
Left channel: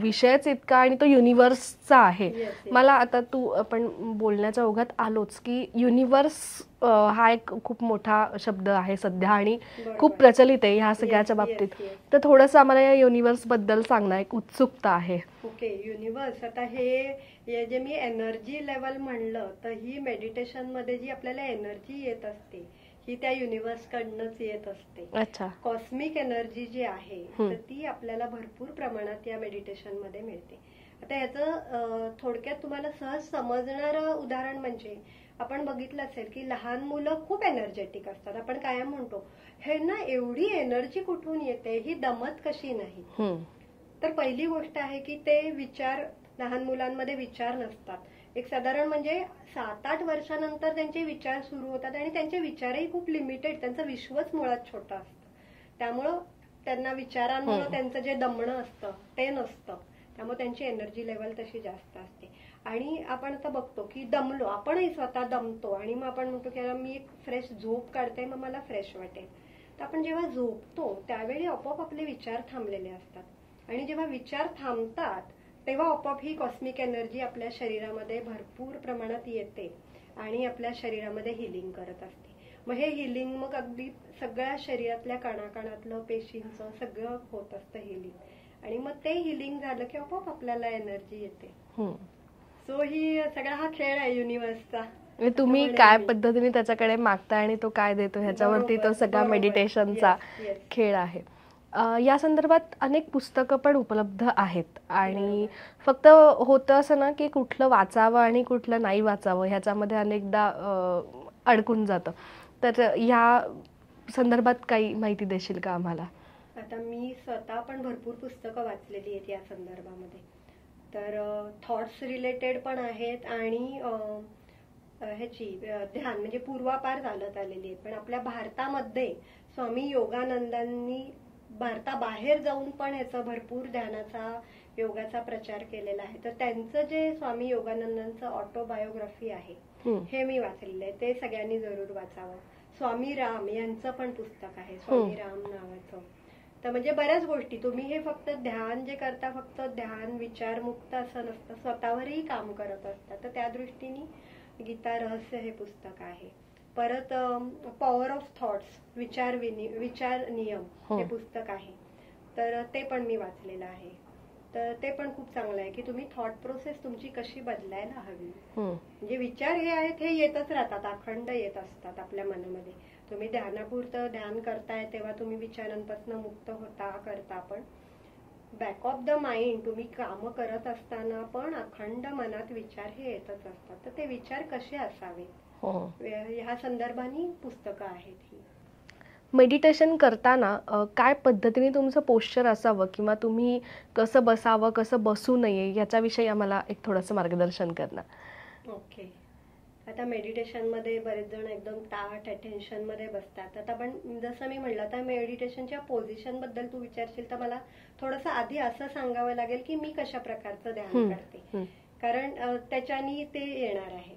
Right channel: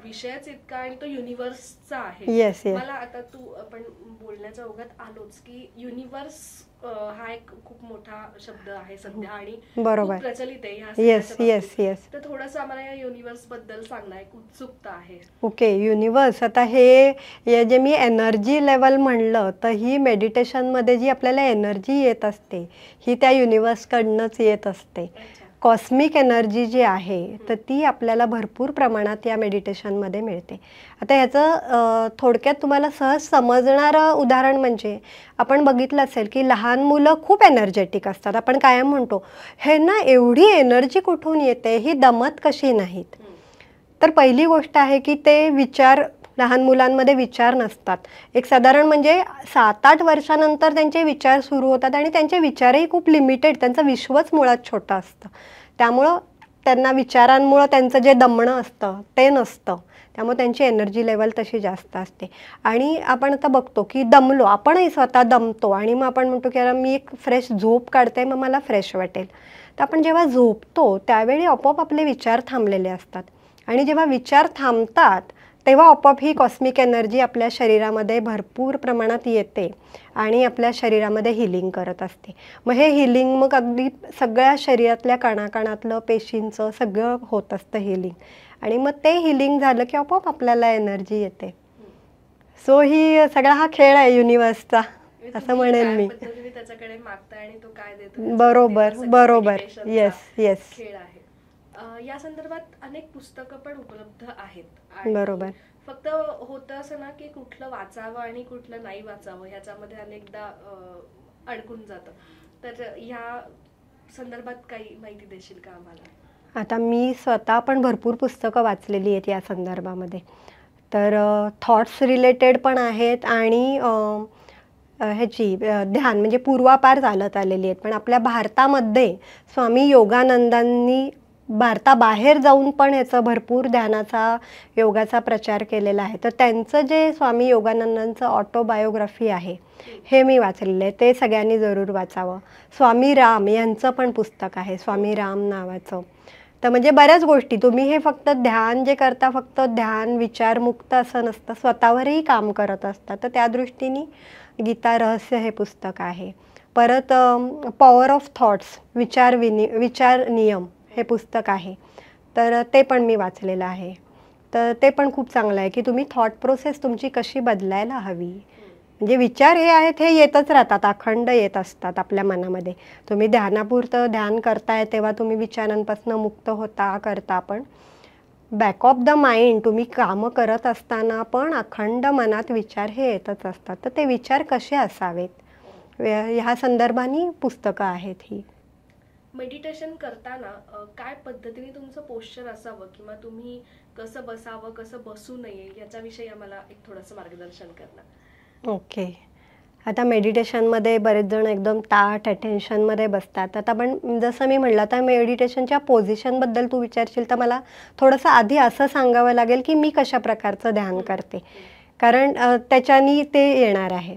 विषयच इतका आणि तो युनिव्हर्सचा आहे. मला आता तू आपण बोलण्याच्या ओघात आलोच की युनिव्हर्स हा एक खूप मोठा शब्द आहे सध्या आणि खूप प्रचलित आहे ह्या सगळ्याच्या बाबतीत. तर थोडंसं आम्हाला या युनिव्हर्स बद्दल सांगणं एक उत्सुकता आहे. Okay, universe. आता हे जे मी एनर्जी लेवल म्हणलं, तर ही मेडिटेशन मध्ये जी आपल्याला एनर्जी येत असते ही त्या युनिव्हर्स कडनंच येत असते. कॉस्मिक एनर्जी जी आहे तर ती आपल्याला भरपूर प्रमाणात या मेडिटेशन मध्ये मिळते. आता ह्याचं थोडक्यात तुम्हाला सहज समजणारं उदाहरण म्हणजे आपण बघितलं असेल की लहान मुलं खूप एनर्जेटिक असतात. आपण कायम म्हणतो हे ना एवढी एनर्जी कुठून येते, ही दमत कशी नाहीत. तर पहिली गोष्ट आहे की ते विचार, लहान मुलांमध्ये विचार नसतात. एक साधारण म्हणजे 7-8 वर्षानंतर त्यांचे विचार सुरू होतात आणि त्यांचे विचारही खूप लिमिटेड, त्यांचं विश्वच मुळात छोटं असतं. त्यामुळं त्यांना विचारांमुळं त्यांचं जे दमणं असतं ते नसतं, त्यामुळे त्यांची एनर्जी लेवल तशी जास्त असते. आणि आपण आता बघतो की दमलो, आपणही स्वतः दमतो आणि मग आपण म्हणतो की मी एक फ्रेश झोप काढते, मग मला फ्रेश वाटेल. तर आपण जेव्हा झोपतो त्यावेळी आपोआप आपले विचार थांबलेले असतात आणि जेव्हा विचार थांबतात तेव्हा आपोआप ही कॉस्मिक एनर्जी आपल्या शरीरामध्ये भरपूर प्रमाणात येते आणि आपल्या शरीरामध्ये हिलिंग करत असते. मग हे हिलिंग मग अगदी सगळ्या शरीरातल्या कणाकणातलं, पेशींचं सगळं होत असतं हिलिंग. आणि मग ते हिलिंग झालं की आपोआप आपल्याला एनर्जी येते. सो ही सगळा हा खेळ आहे युनिव्हर्सचा. म्हणजे असं तुम्ही म्हणेन काय मी. पद्धतीने त्याच्याकडे मागता आणि तो काय देतो बरोबर, बरोबर. मेडिटेशनचा येस, येस. खेळ आहे. या संदर्भात अनेक पुस्तकं पण उपलब्ध आहेत आणि बरोबर. फक्त होतं असं ना की कुठलं वाचावं आणि कुठलं नाही वाचावं ह्याच्यामध्ये अनेकदा अडकून जातं. तर या संदर्भात काही माहिती देशील का आम्हाला? आता मी स्वतः पण भरपूर पुस्तकं वाचलेली आहेत या संदर्भामध्ये. तर थॉट्स रिलेटेड पण आहेत आणि ध्यान म्हणजे पूर्वापार चालत आलेली आहेत. पण आपल्या भारतामध्ये स्वामी योगानंदांनी भारताबाहेर जाऊन पण याचं भरपूर ध्यानाचा, योगाचा प्रचार केलेला आहे. तर त्यांचं जे स्वामी योगानंदांचं ऑटोबायोग्राफी आहे, हे मी वाचलेलं आहे. ते सगळ्यांनी जरूर वाचावं. स्वामी राम यांचं पण पुस्तक आहे, स्वामी राम नावाचं. तर म्हणजे बऱ्याच गोष्टी तुम्ही हे फक्त ध्यान जे करता, फक्त ध्यान विचारमुक्त असं नसतं, स्वतःवरही काम करत असतात. तर त्या दृष्टीने गीता रहस्य हे पुस्तक आहे. परत पॉवर ऑफ थॉट्स, विचार नियम हे पुस्तक आहे. तर ते पण मी वाचलेलं आहे. तर ते पण खूप चांगलं आहे की तुम्ही थॉट प्रोसेस तुमची कशी बदलायला हवी. म्हणजे विचार हे आहेत, हे येतच राहतात, अखंड येत असतात आपल्या मनामध्ये. तुम्ही ध्यानापुरतं ध्यान करताय तेव्हा तुम्ही विचारांपासून मुक्त होता करता, पण बॅक ऑफ द माइंड तुम्ही कामं करत असताना पण अखंड मनात विचार हे येतच असतात. तर ते विचार कसे असावेत ह्या संदर्भाने पुस्तकं आहेत ही. मेडिटेशन करताना काय पद्धतीने तुमचं पोश्चर असावं किंवा तुम्ही कसं बसावं, कसं बसू नये याच्याविषयी आम्हाला एक थोडंसं मार्गदर्शन करणार? ओके. आता मेडिटेशनमध्ये बरेच जण एकदम ताठ अटेन्शनमध्ये बसतात. आता पण जसं मी म्हटलं, आता मेडिटेशनच्या पोझिशनबद्दल तू विचारशील तर मला थोडंसं आधी असं सांगावं लागेल की मी कशा प्रकारचं ध्यान करते, कारण त्याच्यानी ते येणार आहे.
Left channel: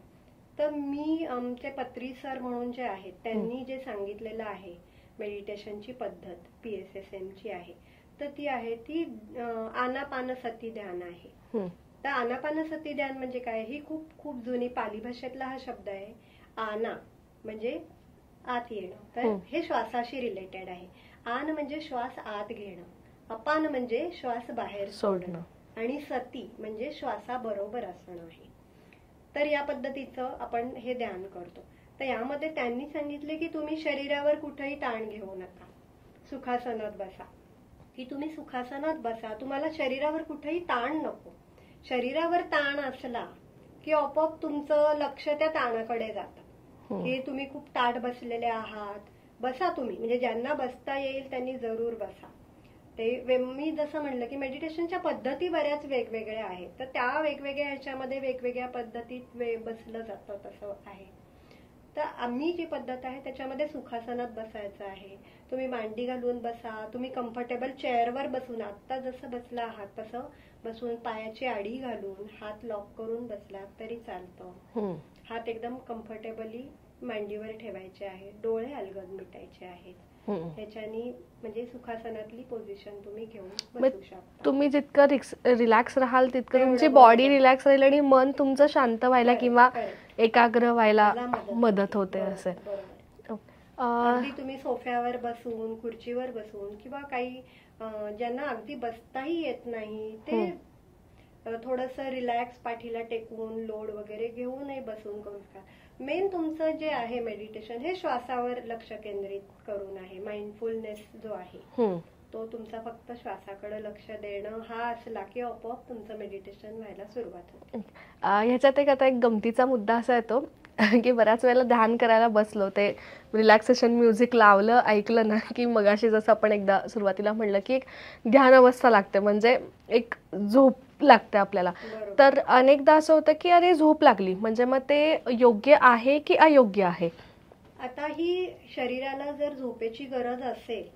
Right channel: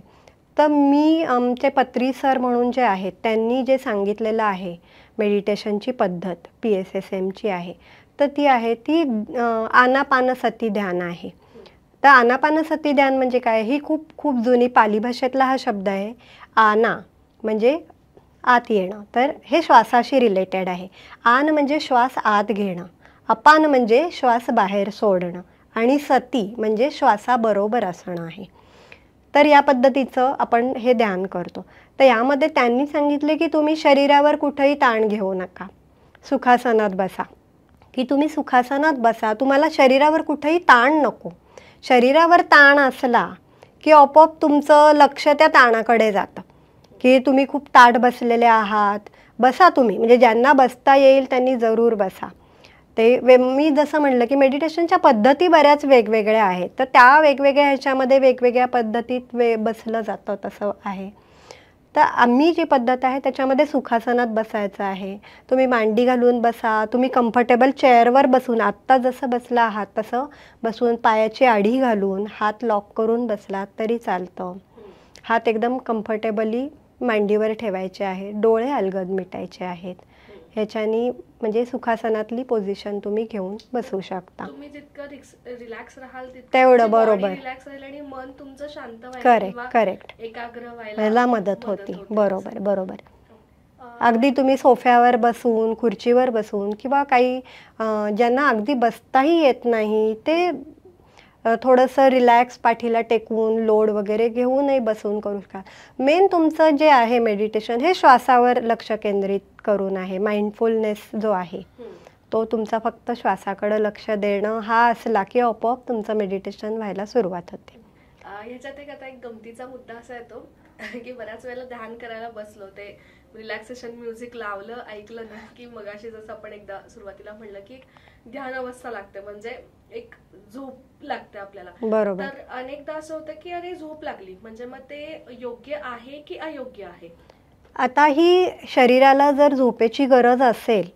तर मी आमचे पत्री सर म्हणून जे आहेत त्यांनी जे सांगितलेलं आहे मेडिटेशनची पद्धत PSSMची आहे, तर ती आहे ती आनापानसती ध्यान आहे. तर आनापानसती ध्यान म्हणजे काय, ही खूप खूप जुनी पाली भाषेतला हा शब्द आहे. आना म्हणजे आत येणं, तर हे श्वासाशी रिलेटेड आहे. आन म्हणजे श्वास आत घेणं, अपान म्हणजे श्वास बाहेर सोडणं, आणि सती म्हणजे श्वासाबरोबर असणं आहे. तर या पद्धतीचं आपण हे ध्यान करतो. तर यामध्ये त्यांनी सांगितले की तुम्ही शरीरावर कुठेही ताण घेऊ नका, सुखासनात बसा, की तुम्ही सुखासनात बसा, तुम्हाला शरीरावर कुठेही ताण नको. शरीरावर ताण असला की आपोआप तुमचं लक्ष त्या ताणाकडे जातं, की तुम्ही खूप ताठ बसलेले आहात, बसा तुम्ही, म्हणजे ज्यांना बसता येईल त्यांनी जरूर बसा. ते मी जसं म्हणलं की मेडिटेशनच्या पद्धती बऱ्याच वेगवेगळ्या आहेत, तर त्या वेगवेगळ्या ह्याच्यामध्ये वेगवेगळ्या पद्धतीत बसलं जातं तसं आहे. तर आम्ही जी पद्धत आहे त्याच्यामध्ये सुखासनात बसायचं आहे. तुम्ही मांडी घालून बसा, तुम्ही कम्फर्टेबल चेअरवर बसून, आत्ता जसं बसला आहात तसं बसून पायाची आडी घालून हात लॉक करून बसलात तरी चालतं. हात एकदम कम्फर्टेबली मांडीवर ठेवायचे आहे, डोळे अलगद मिटायचे आहेत. ह्याच्यानी म्हणजे सुखासनातली पोझिशन तुम्ही घेऊन बसू शकता. तुम्ही जितकं रिलॅक्स राहाल तितकं बॉडी रिलॅक्स राहील आणि मन तुमचं शांत व्हायला किंवा एकाग्र व्हायला मदत होते. बरोबर बरोबर. अगदी तुम्ही सोफ्यावर बसून, खुर्चीवर बसून, किंवा काही ज्यांना अगदी बसताही येत नाही ते थोडंसं रिलॅक्स पाठीला टेकून लोड वगैरे घेऊनही बसून करू शकता. मेन तुमचं जे आहे मेडिटेशन हे श्वासावर लक्ष केंद्रित करून आहे. माइंडफुलनेस जो आहे तो तुमचा फक्त श्वासाकडे लक्ष देणं हा असला की आपोआप तुमचं मेडिटेशन व्हायला सुरुवात होते. ह्याच्यात एक आता एक गमतीचा मुद्दा असा येतो की बऱ्याच वेळेला ध्यान करायला बसलो, ते रिलॅक्सेशन म्युझिक लावलं, ऐकलं ना की मगाशी जसं आपण एकदा सुरुवातीला म्हणलं की एक ध्यान अवस्था लागते, म्हणजे एक झोप लागते आपल्याला. तर अनेकदा असं होतं की अरे झोप लागली म्हणजे मग ते योग्य आहे की अयोग्य आहे? आता ही शरीराला जर झोपेची गरज असेल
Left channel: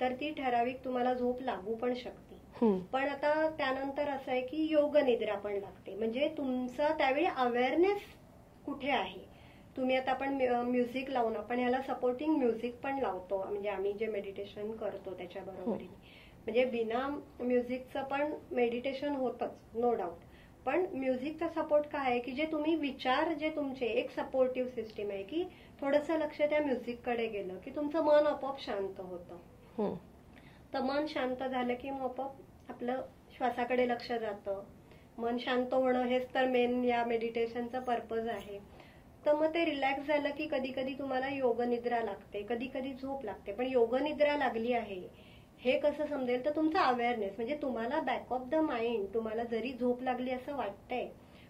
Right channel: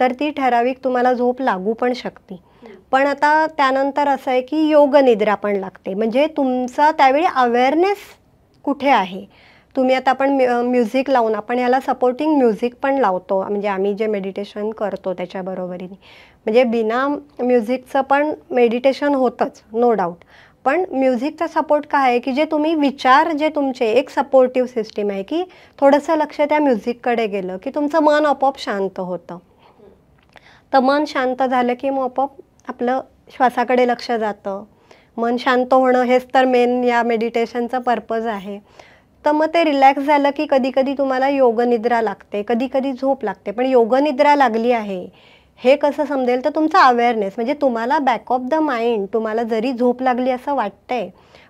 तर ती ठराविक तुम्हाला झोप लागू पण शकते. पण आता त्यानंतर असं आहे की योग निद्रा पण लागते, म्हणजे तुमचा त्यावेळी अवेअरनेस कुठे आहे. तुम्ही आता आपण म्युझिक लावून, आपण याला सपोर्टिंग म्युझिक पण लावतो, म्हणजे आम्ही जे मेडिटेशन करतो त्याच्या बरोबरीने, म्हणजे बिना म्युझिकचं पण मेडिटेशन होतंच नो डाऊट. पण म्युझिकचा सपोर्ट काय आहे की जे तुम्ही विचार जे तुमचे एक सपोर्टिव्ह सिस्टीम आहे की थोडंसं लक्ष त्या म्युझिककडे गेलं की तुमचं मन आपोआप शांत होतं. तर मन शांत झालं की मग आपोआप आपलं श्वासाकडे लक्ष जातं. मन शांत होणं हेच तर मेन या मेडिटेशनचं पर्पज आहे. तर मग ते रिलॅक्स झालं की कधी कधी तुम्हाला योगनिद्रा लागते, कधी कधी झोप लागते. पण योगनिद्रा लागली आहे हे कसं समजेल, तर तुमचा अवेअरनेस म्हणजे तुम्हाला बॅक ऑफ द माइंड, तुम्हाला जरी झोप लागली असं वाटतंय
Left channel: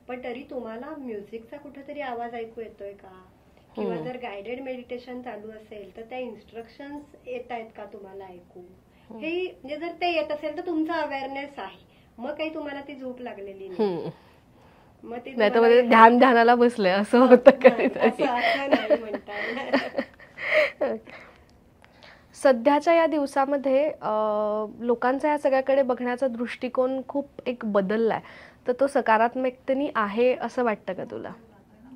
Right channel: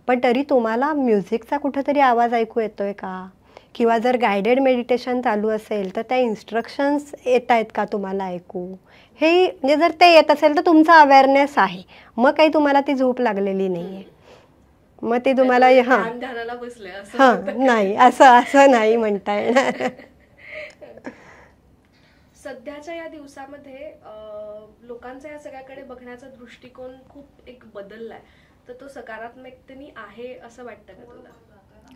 पण तरी तुम्हाला म्युझिकचा कुठेतरी आवाज ऐकू येतोय का, किंवा जर गायडेड मेडिटेशन चालू असेल तर त्या इन्स्ट्रक्शन्स येत आहेत का तुम्हाला ऐकू, हे म्हणजे जर ते येत असेल तर तुमचा अवेअरनेस आहे, मग काही तुम्हाला ती झोप लागलेली नाही. मग ते तुम्हाला ध्यानाला बसलंय असं नाही, असं नाही म्हणता येणार. सध्याच्या या दिवसामध्ये लोकांचा या सगळ्याकडे बघण्याचा दृष्टिकोन खूप एक बदललाय, तर तो सकारात्मकतेने आहे असं वाटतं का तुला?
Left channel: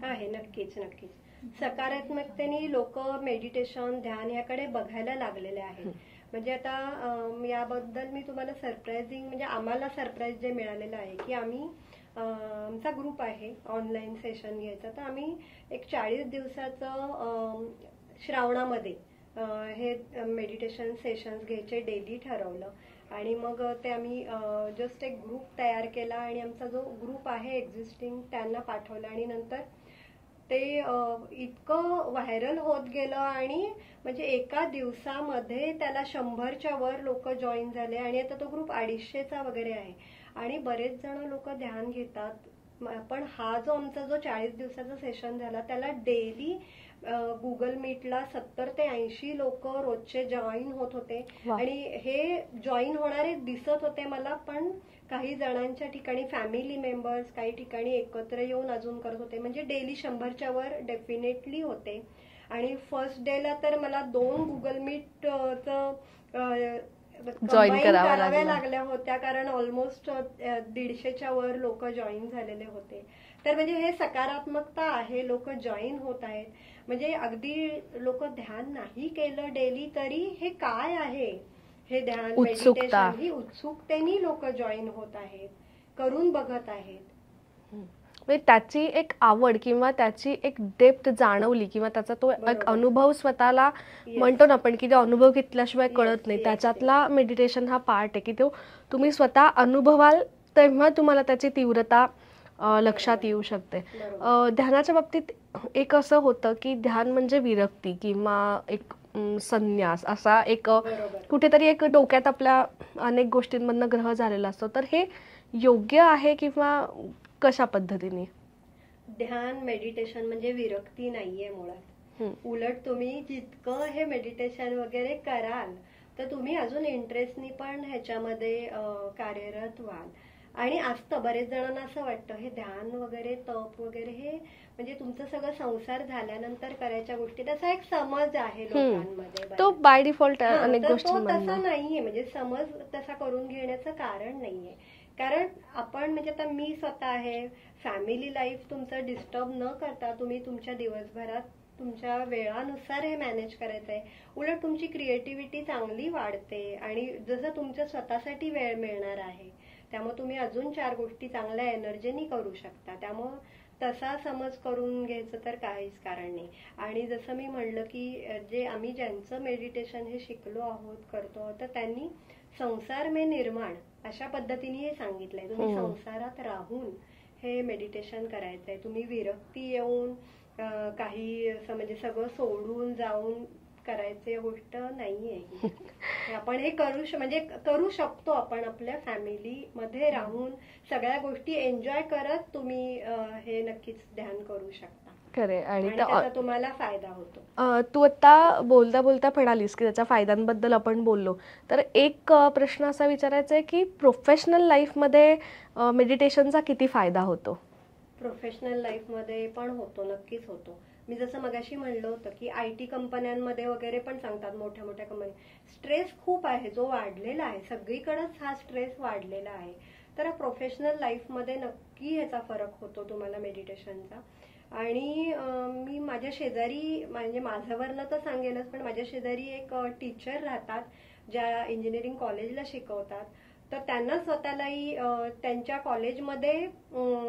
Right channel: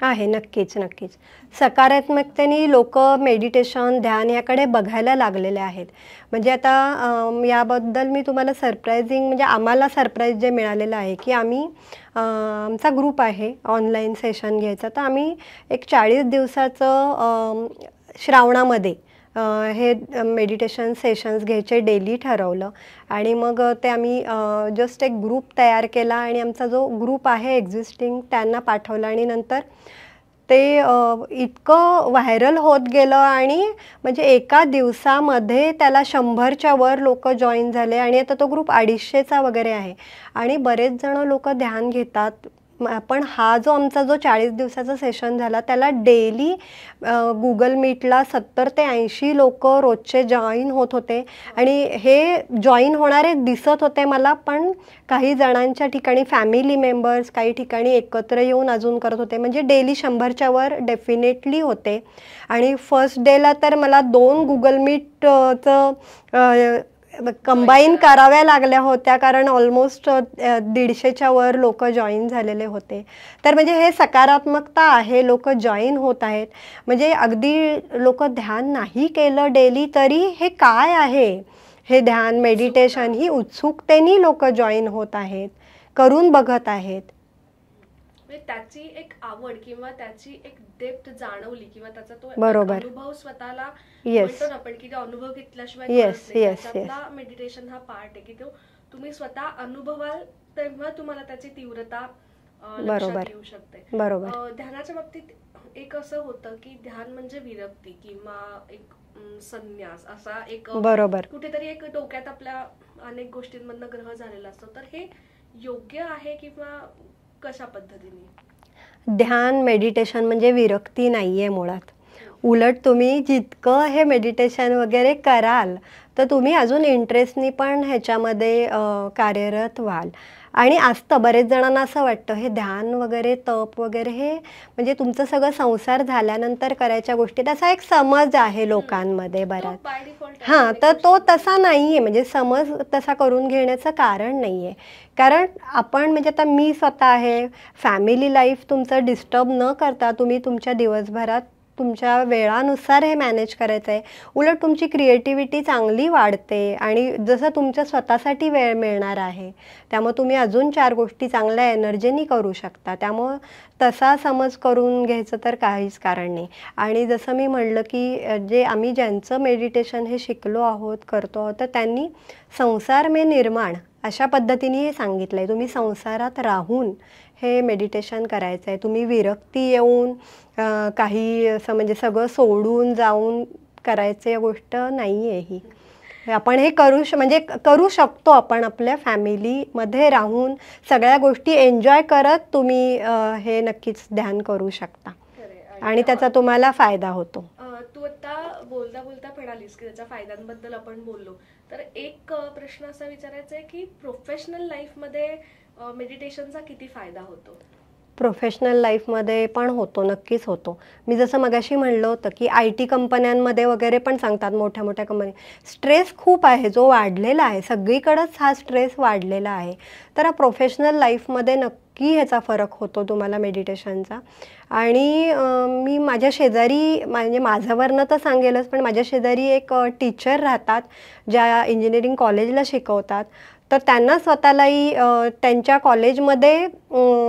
आहे, नक्कीच नक्कीच. सकारात्मकतेने लोक मेडिटेशन, ध्यान याकडे बघायला लागलेले आहेत. म्हणजे आता याबद्दल मी तुम्हाला सरप्रायझिंग, म्हणजे आम्हाला सरप्राईज जे मिळालेलं आहे की आम्ही आमचा ग्रुप आहे ऑनलाईन सेशन घ्यायचा, तर आम्ही एक 40 दिवसाचं श्रावणामध्ये हे मेडिटेशन सेशन्स घ्यायचे डेली ठरवलं. आणि मग ते आम्ही जस्ट एक ग्रुप तयार केला आणि आमचा जो ग्रुप आहे एक्झिस्टिंग त्यांना पाठवला आणि नंतर ते इतकं व्हायरल होत गेलं आणि म्हणजे एका दिवसामध्ये त्याला 100च्या वर लोक जॉईन झाले आणि आता तो ग्रुप 250चा वगैरे आहे आणि बरेच जण लोक ध्यान घेतात. पण हा जो आमचा 40 दिवसाचा सेशन झाला त्याला डेली गुगल मीटला 70 ते 80 लोक रोजचे जॉईन होत होते आणि हे जॉईन होणारे दिसत होते मला, पण काही जणांच्या ठिकाणी फॅमिली मेंबर्स काही ठिकाणी एकत्र येऊन अजून करत होते, म्हणजे डेली 100च्या वर डेफिनेटली होते. आणि फर्स्ट डेला तर मला 2 गुगल मीटचं कंबाईन कराव्या लागल्या होत्या, कारण ऑलमोस्ट 150च्या वर लोक जॉईन झालेले होते. तर म्हणजे हे सकारात्मकता आहे, लोक जॉईन होत आहेत. म्हणजे अगदी लोक ध्यान नाही केलं डेली तरी हे काय आहे हे ध्यान मेडिटेशन ही उत्सुकतेने लोक जॉईन होत आहेत, करून बघत आहेत. त्याची एक आवड किंवा त्याची एक डेप्थ जाणवली किंवा त्याचा तो अनुभव स्वतःला म्हणतो ना आपण की तो अनुभव घेतल्याशिवाय कळत नाही, त्याच्यातला मेडिटेशन हा पार्ट आहे की तो तुम्ही स्वतः अनुभवाल तेव्हा तुम्हाला त्याची तीव्रता लक्षात येऊ शकते. ध्यानाच्या बाबतीत एक असं होतं की ध्यान म्हणजे विरक्ती किंवा एक संन्यास असा एक कुठेतरी एक डोक्यात आपल्या अनेक गोष्टींमधनं ग्रह झालेला असतो. तर हे योग्य आहे किंवा कशा पद्धतीने? ध्यान मेडिटेशन म्हणजे विरक्ती नाहीये मुळात. उलट तुम्ही जितकं हे मेडिटेशन वगैरे कराल तर तुम्ही अजून इंटरेस्टनी पण ह्याच्यामध्ये कार्यरत व्हाल. आणि असतं बरेच जणांना असं वाटतं हे ध्यान वगैरे तप वगैरे हे म्हणजे तुमचं सगळं संसार झाल्यानंतर करायच्या गोष्टी, तसा एक समज आहे लोकांमध्ये बराच बाय डिफॉल्ट. तर तो तसा नाहीये, म्हणजे समज तसा करून घेण्याचं कारण नाहीये. कारण आपण म्हणजे आता मी स्वतः आहे, फॅमिली लाईफ तुमचं डिस्टर्ब न करता तुम्ही तुमच्या दिवसभरात तुमच्या वेळानुसार हे मॅनेज करायचं आहे. उलट तुमची क्रिएटिव्हिटी चांगली वाढते आणि जसं तुमच्या स्वतःसाठी वेळ मिळणार आहे त्यामुळे तुम्ही अजून 4 गोष्टी चांगल्या एनर्जीनी करू शकता. त्यामुळं तसा समज करून घ्यायचं तर काहीच कारण नाही. आणि जसं मी म्हटलं की जे आम्ही ज्यांचं मेडिटेशन हे शिकलो आहोत करतो आहोत तर त्यांनी संसार में निर्माण अशा पद्धतीने हे सांगितलं आहे. तुम्ही संसारात राहून हे मेडिटेशन करायचं आहे. तुम्ही विरक्ती येऊन काही असं म्हणजे सगळं सोडून जाऊन करायची गोष्ट नाही आहे ही. आपण हे म्हणजे करू शकतो आपण आपल्या फॅमिलीमध्ये राहून सगळ्या गोष्टी एन्जॉय करत तुम्ही हे नक्कीच ध्यान करू शकता आणि त्याचा तुम्हाला फायदा होतो. तू आता बोलता बोलता म्हणालीस की त्याच्या फायद्यांबद्दल आपण बोललो, तर एक प्रश्न असा विचारायचा आहे की प्रोफेशनल लाईफमध्ये मेडिटेशनचा किती फायदा होतो? प्रोफेशनल लाईफमध्ये पण होतो, नक्कीच होतो. मी जसं मगाशी म्हणलं होतं की IT कंपन्यांमध्ये वगैरे पण सांगतात, मोठ्या मोठ्या कंपनी स्ट्रेस खूप आहे जो वाढलेला आहे, सगळीकडेच हा स्ट्रेस वाढलेला आहे. तर प्रोफेशनल लाईफमध्ये नक्की ह्याचा फरक होतो तुम्हाला मेडिटेशनचा. आणि मी माझ्या शेजारी म्हणजे माझ्यावरनं तर सांगेलच, पण माझ्या शेजारी एक टीचर राहतात ज्या इंजिनिअरिंग कॉलेजला शिकवतात. तर त्यांना स्वतःलाही त्यांच्या कॉलेजमध्ये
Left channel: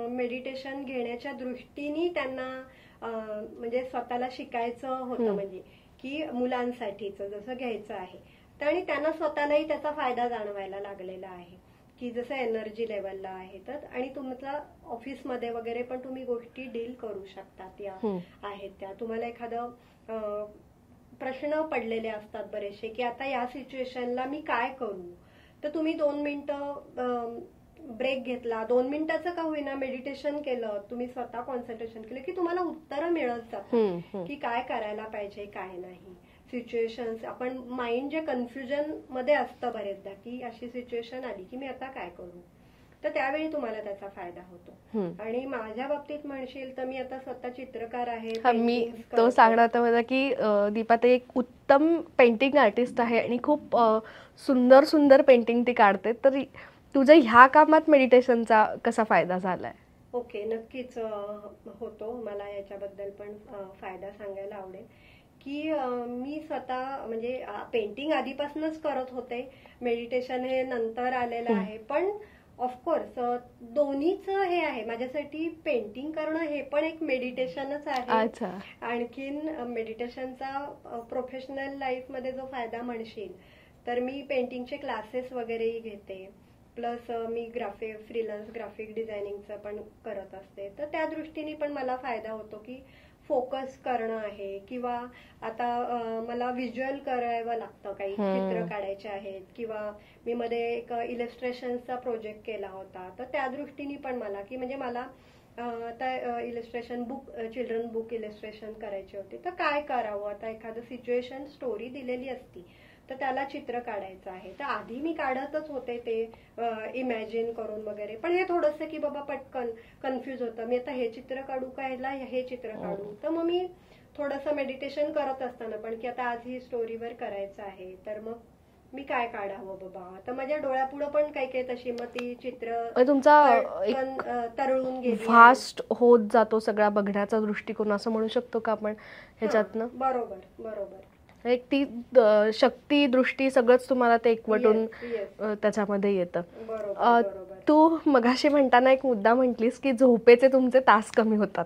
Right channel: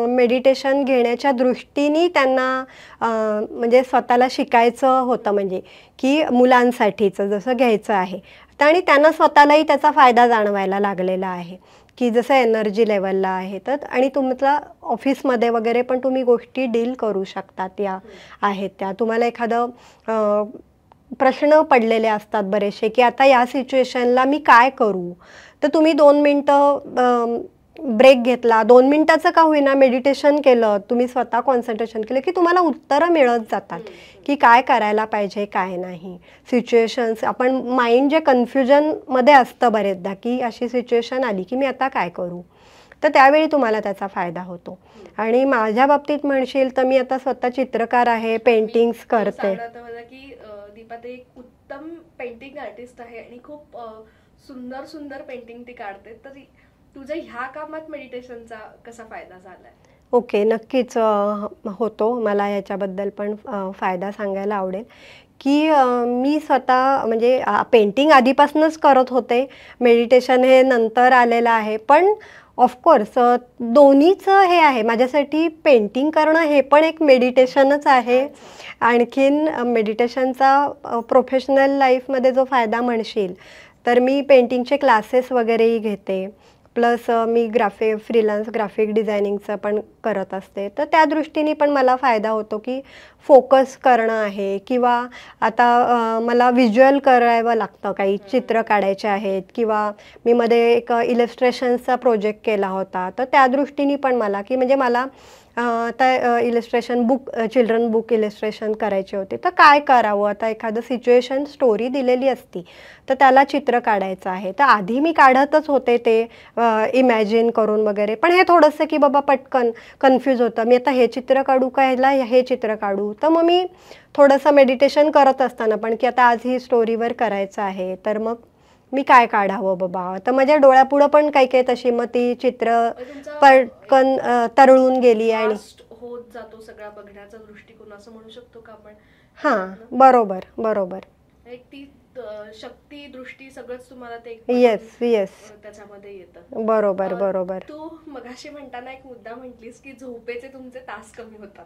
मेडिटेशन घेण्याच्या दृष्टीने त्यांना म्हणजे स्वतःला शिकायचं होतं, म्हणजे की मुलांसाठीचं जसं घ्यायचं आहे. आणि त्यांना स्वतःलाही त्याचा फायदा जाणवायला लागलेला आहे. की जसं एनर्जी लेवलला आहे तर, आणि तुमचा ऑफिसमध्ये वगैरे पण तुम्ही गोष्टी डील करू शकतात या आहेत त्या. तुम्हाला एखादं प्रश्न पडलेले असतात बरेचसे की आता या सिच्युएशनला मी काय करू, तर तुम्ही 2 मिनिटं ब्रेक घेतला, 2 मिनिटाचं का होईना मेडिटेशन केलं, तुम्ही स्वतः कॉन्सन्ट्रेशन केलं की तुम्हाला उत्तरं मिळत जातात की काय करायला पाहिजे काय नाही. सिच्युएशन्स आपण माइंड जे कन्फ्युजनमध्ये असतं बरेचदा की अशी सिच्युएशन आली की मी आता काय करू, तर त्यावेळी तुम्हाला त्याचा फायदा होतो. आणि माझ्या बाबतीत म्हणशील तर मी आता स्वतः चित्रकार आहे, पेंटिंग्स करते. सांगण्यात मला की दीपा ते एक उत्तम पेंटिंग आर्टिस्ट आहे आणि खूप सुंदर सुंदर पेंटिंग ती काढते. तर तुझ्या ह्या कामात मेडिटेशनचा कसा फायदा झालाय? ओके, नक्कीच होतो. मला याच्याबद्दल पण फायदा सांगायला आवडेल की मी स्वतः म्हणजे पेंटिंग आधीपासूनच करत होते, मेडिटेशन हे नंतर आलेलं आहे. पण ऑफकोर्स दोन्हीचं हे आहे माझ्यासाठी. पेंटिंग करणं हे पण एक मेडिटेशनच आहे. आणखीन मेडिटेशनचा प्रोफेशनल लाईफमध्ये जो फायदा म्हणशील तर मी पेंटिंगचे क्लासेस वगैरेही घेते, प्लस मी फ्रीलान्स ग्राफिक डिझायनिंगचं पण करत असते. तर त्या दृष्टीने पण मला फायदा होतो की फोकस करणं आहे, किंवा आता मला व्हिज्युअल करावं लागतं, काही चित्र काढायचे आहेत, किंवा मी मध्ये एक इलस्ट्रेशन्सचा प्रोजेक्ट केला होता. तर त्या दृष्टीने पण मला की म्हणजे मला आता illustration book, children book illustration करायचे होते, तर काय करावं, आता एखादं सिच्युएशन स्टोरी दिलेली असती तर त्याला चित्र काढायचं आहे. तर आधी मी काढतच होते ते इमॅजिन करून वगैरे, पण हे थोडंसं की बाबा पटकन कन्फ्यूज होतं, मी आता हे चित्र काढू का, ह्याला हे चित्र काढू. तर मग मी थोडंसं मेडिटेशन करत असताना पण की आता आज ही स्टोरीवर करायचं आहे, तर मग मी काय काढावं बाबा. तर माझ्या डोळ्यापुढं पण काही काही तशी मग ती चित्र पटकन तरळून गेली. फास्ट होत जातो सगळा बघण्याचा दृष्टिकोन, असं म्हणू शकतो का आपण? बरोबर बरोबर. एक ती शक्ती दृष्टी सगळंच तुम्हाला ते एकवटून त्याच्यामध्ये येतं. बरोबर बरोबर. तू मगाशी म्हणताना एक मुद्दा म्हटलीस की झोपेचे तुमचे तास कमी होतात.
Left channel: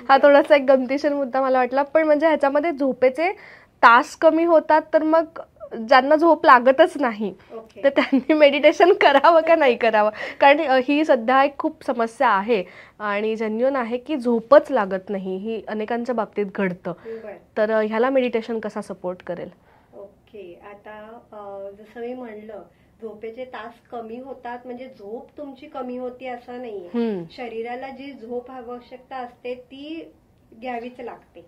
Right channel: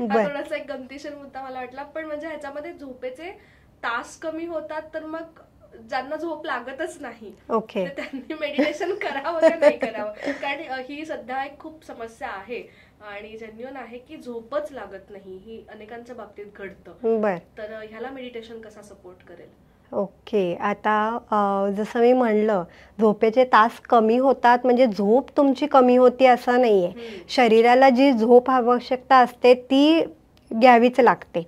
हा थोडासा एक गमतीशीर मुद्दा मला वाटला. पण म्हणजे ह्याच्यामध्ये झोपेचे तास कमी होतात, तर मग ज्यांना झोप लागतच नाही तर त्यांनी मेडिटेशन करावं का नाही करावं? कारण ही सध्या एक खूप समस्या आहे आणि जेन्युइन आहे की झोपच लागत नाही, ही अनेकांच्या बाबतीत घडतं. तर ह्याला मेडिटेशन कसा सपोर्ट करेल? ओके, आता जसं मी म्हणलं, झोपेचे तास कमी होतात म्हणजे झोप तुमची कमी होती असं नाहीये. शरीराला जी झोप आवश्यकता असते ती घ्यावीच लागते.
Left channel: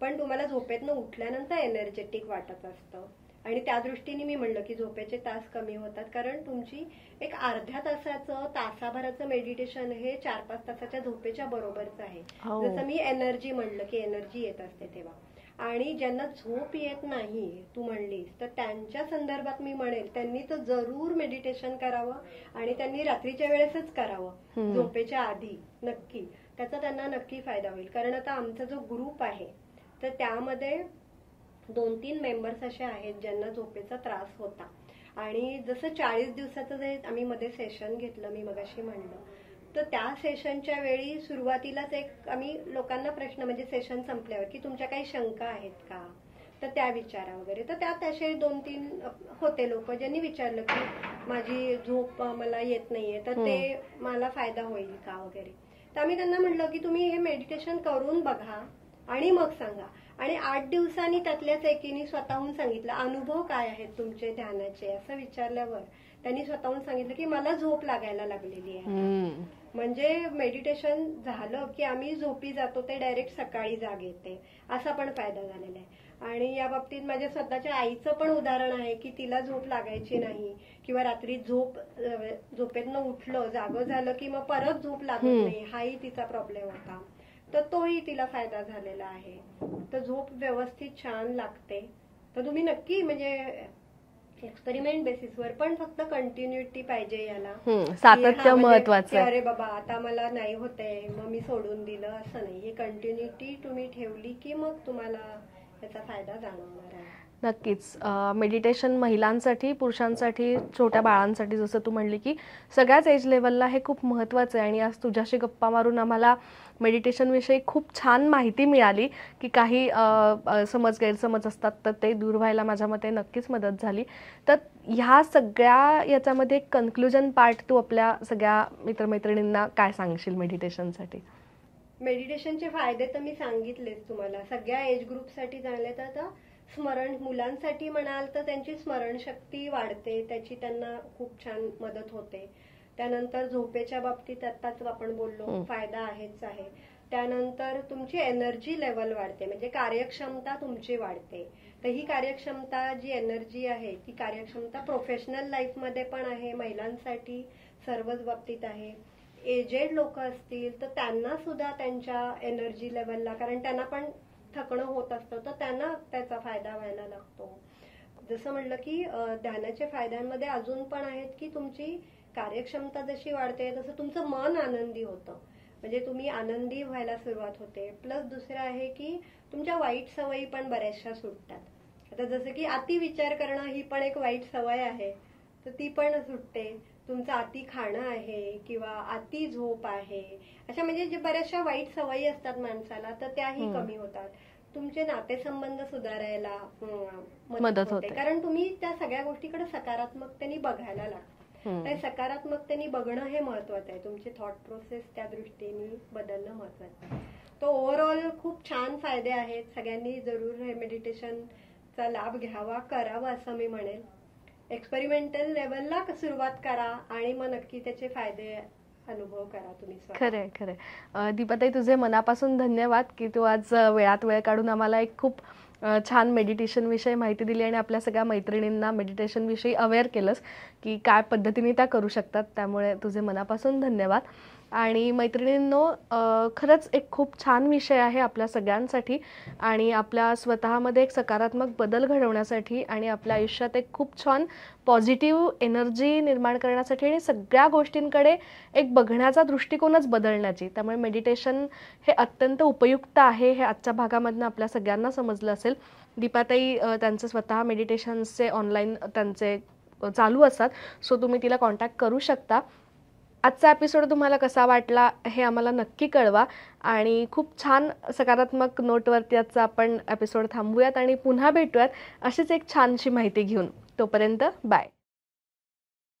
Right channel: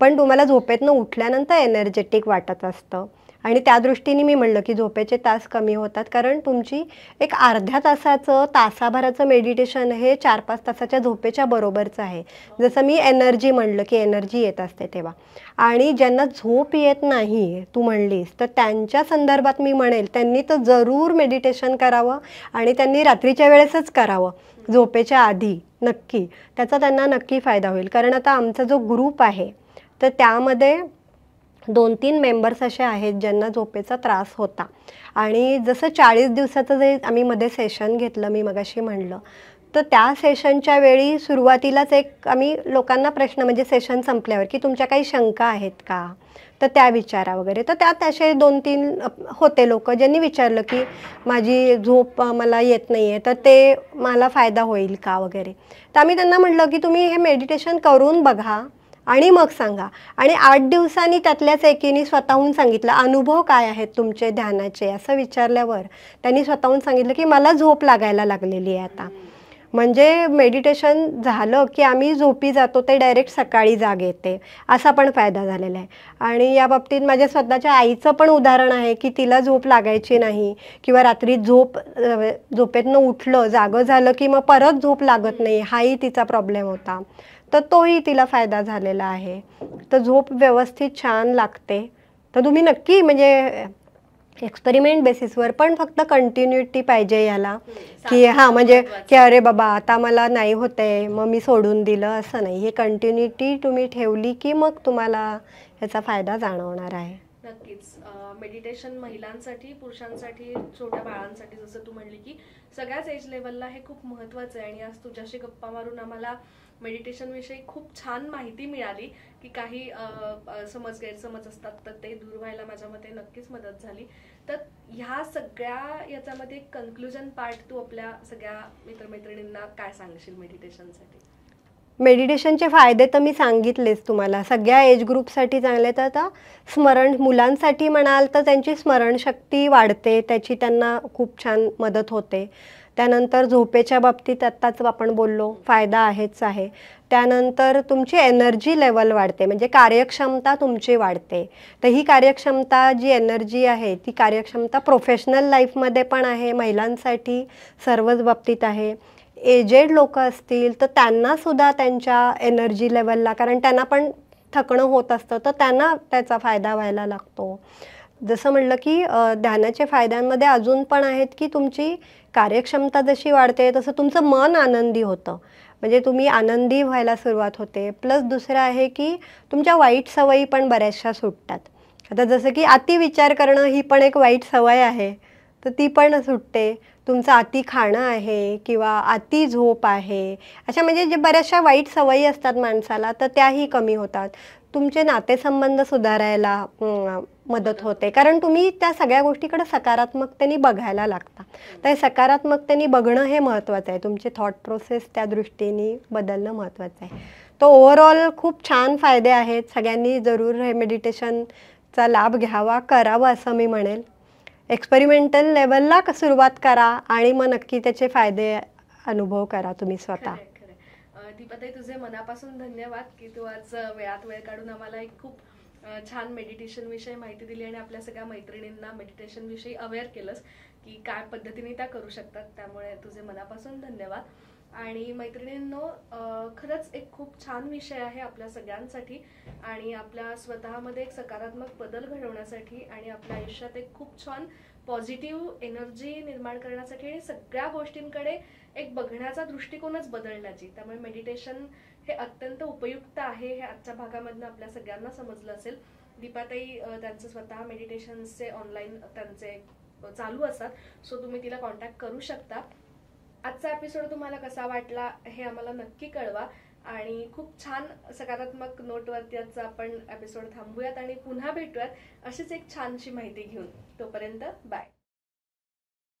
पण तुम्हाला झोपेतनं उठल्यानंतर एनर्जेटिक वाटत असतं, आणि त्या दृष्टीने मी म्हणलं की झोपेचे तास कमी होतात, कारण तुमची एक अर्ध्या तासाचं तासाभराचं मेडिटेशन हे 4-5 तासाच्या झोपेच्या बरोबरचं आहे. जसं मी एनर्जी म्हणलं की एनर्जी येत असते तेव्हा. आणि ज्यांना झोप येत नाही तू म्हणलीस, तर त्यांच्या संदर्भात मी म्हणेल त्यांनी तर जरूर मेडिटेशन करावं, आणि त्यांनी रात्रीच्या वेळेसच करावं, झोपेच्या आधी. नक्की त्याचा त्यांना नक्की फायदा होईल. कारण आता आमचा जो ग्रुप आहे तर त्यामध्ये 2-3 मेंबर्स असे आहेत ज्यांना झोपेचा त्रास होता. आणि जसं 40 दिवसाचं जे आम्ही मध्ये सेशन घेतलं, मी मगाशी म्हणलं, तर त्या सेशनच्या वेळी सुरुवातीलाच एक आम्ही लोकांना प्रश्न, म्हणजे सेशन संपल्यावर, की तुमच्या काही शंका आहेत का, तर त्या विचारा वगैरे. तर त्यात असे 2-3 होते लोक ज्यांनी विचारलं की माझी झोप मला येत नाही आहे, तर ते मला फायदा होईल का वगैरे. तर आम्ही त्यांना म्हटलं की तुम्ही हे मेडिटेशन करून बघा आणि मग सांगा. आणि 8 दिवसांनी त्यातल्याच एकीने स्वतःहून सांगितलं, अनुभव काय आहेत तुमचे ध्यानाचे, असं विचारल्यावर त्यांनी स्वतःहून सांगितलं की मला झोप लागायला लागलेली आहे आता. म्हणजे मेडिटेशन झालं की आम्ही झोपी जातो, ते डायरेक्ट सकाळी जाग येते, असा पण फायदा झालेला आहे. आणि या बाबतीत माझ्या स्वतःच्या आईचं पण उदाहरण आहे की तिला झोप लागायची नाही, किंवा रात्री झोपेतनं उठलं, जागं झालं की मग परत झोप लागत नाही, हाही तिचा प्रॉब्लेम होता. तर तोही तिला फायदा झालेला आहे. तर झोप व्यवस्थित छान लागते. तर तुम्ही नक्की म्हणजे एक्सपेरिमेंट बेसिसवर, पण फक्त कंटिन्युटी पाहिजे याला, की म्हणजे की अरे बाबा आता मला नाही होते मग मी सोडून दिलं, असं नाही. हे कंटिन्युटी तुम्ही ठेवली की मग तुम्हाला याचा फायदा जाणवणार आहे. नक्कीच. मेडिटेशन महिलांसाठी, पुरुषांसाठी, छोट्या बाळांसाठी जसं तू म्हणली की सगळ्याच एज लेवलला हे खूप महत्त्वाचं आहे. आणि आज तुझ्याशी गप्पा मारून आम्हाला मेडिटेशनविषयी खूप छान माहिती मिळाली की काही समज गैरसमज असतात तर ते दूर व्हायला माझ्या मते नक्कीच मदत झाली. तर ह्या सगळ्या याच्यामध्ये एक कन्क्लुजन पार्ट तू आपल्या सगळ्या मित्रमैत्रिणींना काय सांगशील मेडिटेशनसाठी? मेडिटेशनचे फायदे तर मी सांगितलेच तुम्हाला. सगळ्या एज ग्रुपसाठी चांगले. तर आता मुलांसाठी म्हणाल तर त्यांची स्मरणशक्ती वाढते, त्याची त्यांना खूप छान मदत होते. त्यानंतर झोपेच्या बाबतीत आत्ताच आपण बोललो, फायदा आहेच आहे. त्यानंतर तुमची एनर्जी लेवल वाढते, म्हणजे कार्यक्षमता तुमची वाढते. तर ही कार्यक्षमता जी एनर्जी आहे ती कार्यक्षमता प्रोफेशनल लाईफमध्ये पण आहे, महिलांसाठी सर्वच बाबतीत आहे. एजेड लोक असतील तर त्यांना सुद्धा त्यांच्या एनर्जी लेवलला, कारण त्यांना पण थकणं होत असतं, तर त्यांना त्याचा फायदा व्हायला लागतो. जसं म्हटलं की ध्यानाचे फायद्यांमध्ये अजून पण आहेत की तुमची कार्यक्षमता जशी वाढते तसं तुमचं मन आनंदी होतं, म्हणजे तुम्ही आनंदी व्हायला सुरुवात होते. प्लस दुसरं आहे की तुमच्या वाईट सवयी पण बऱ्याचशा सुटतात. आता जसं की अति विचार करणं ही पण एक वाईट सवय आहे, तर ती पण सुटते. तुमचं अति खाणं आहे किंवा अति झोप आहे, अशा म्हणजे जे बऱ्याचशा वाईट सवयी असतात माणसाला, तर त्याही कमी होतात. तुमचे नातेसंबंध सुधारायला मदत होते, कारण तुम्ही त्या सगळ्या गोष्टीकडे सकारात्मकतेने बघायला लागता. तर सकारात्मकतेने बघणं हे महत्त्वाचं आहे. तुमचे थॉट प्रोसेस त्या दृष्टीने बदलणं महत्त्वाचं आहे. तर ओव्हरऑल खूप छान फायदे आहेत. सगळ्यांनी जरूर हे मेडिटेशनचा लाभ घ्यावा, करावा असं मी म्हणेल. एक्सपेरिमेंटल लेवलला सुरुवात करा आणि मग नक्की त्याचे फायदे अनुभव करा तुम्ही स्वतः. खरंय खरंय. दीपाताई, तुझे मनापासून धन्यवाद की तू आज वेळात वेळ काढून आम्हाला एक खूप छान मेडिटेशन विषयी माहिती दिली आणि आपल्या सगळ्या मैत्रिणींना मेडिटेशन विषयी अवेअर केलंस की काय पद्धतीने त्या करू शकतात. त्यामुळे तुझे मनापासून धन्यवाद. आणि मैत्रिणींनो, खरंच एक खूप छान विषय आहे आपल्या सगळ्यांसाठी आणि आपल्या स्वतःमध्ये एक सकारात्मक बदल घडवण्यासाठी आणि आपल्या आयुष्यात एक खूप छान पॉझिटिव्ह एनर्जी निर्माण करण्यासाठी आणि सगळ्या गोष्टींकडे एक बघण्याचा दृष्टिकोनच बदलण्याची. त्यामुळे मेडिटेशन हे अत्यंत उपयुक्त आहे हे आजच्या भागामधनं आपल्या सगळ्यांना समजलं असेल. दीपाताई त्यांचे स्वतः मेडिटेशन्सचे ऑनलाईन त्यांचे चालू असतात, सो तुम्ही तिला कॉन्टॅक्ट करू शकता. आजचा एपिसोड तुम्हाला कसा वाटला हे आम्हाला नक्की कळवा आणि खूप छान सकारात्मक नोटवरती आजचा आपण एपिसोड थांबूयात आणि पुन्हा भेटूयात अशीच एक छानशी माहिती घेऊन. तोपर्यंत बाय.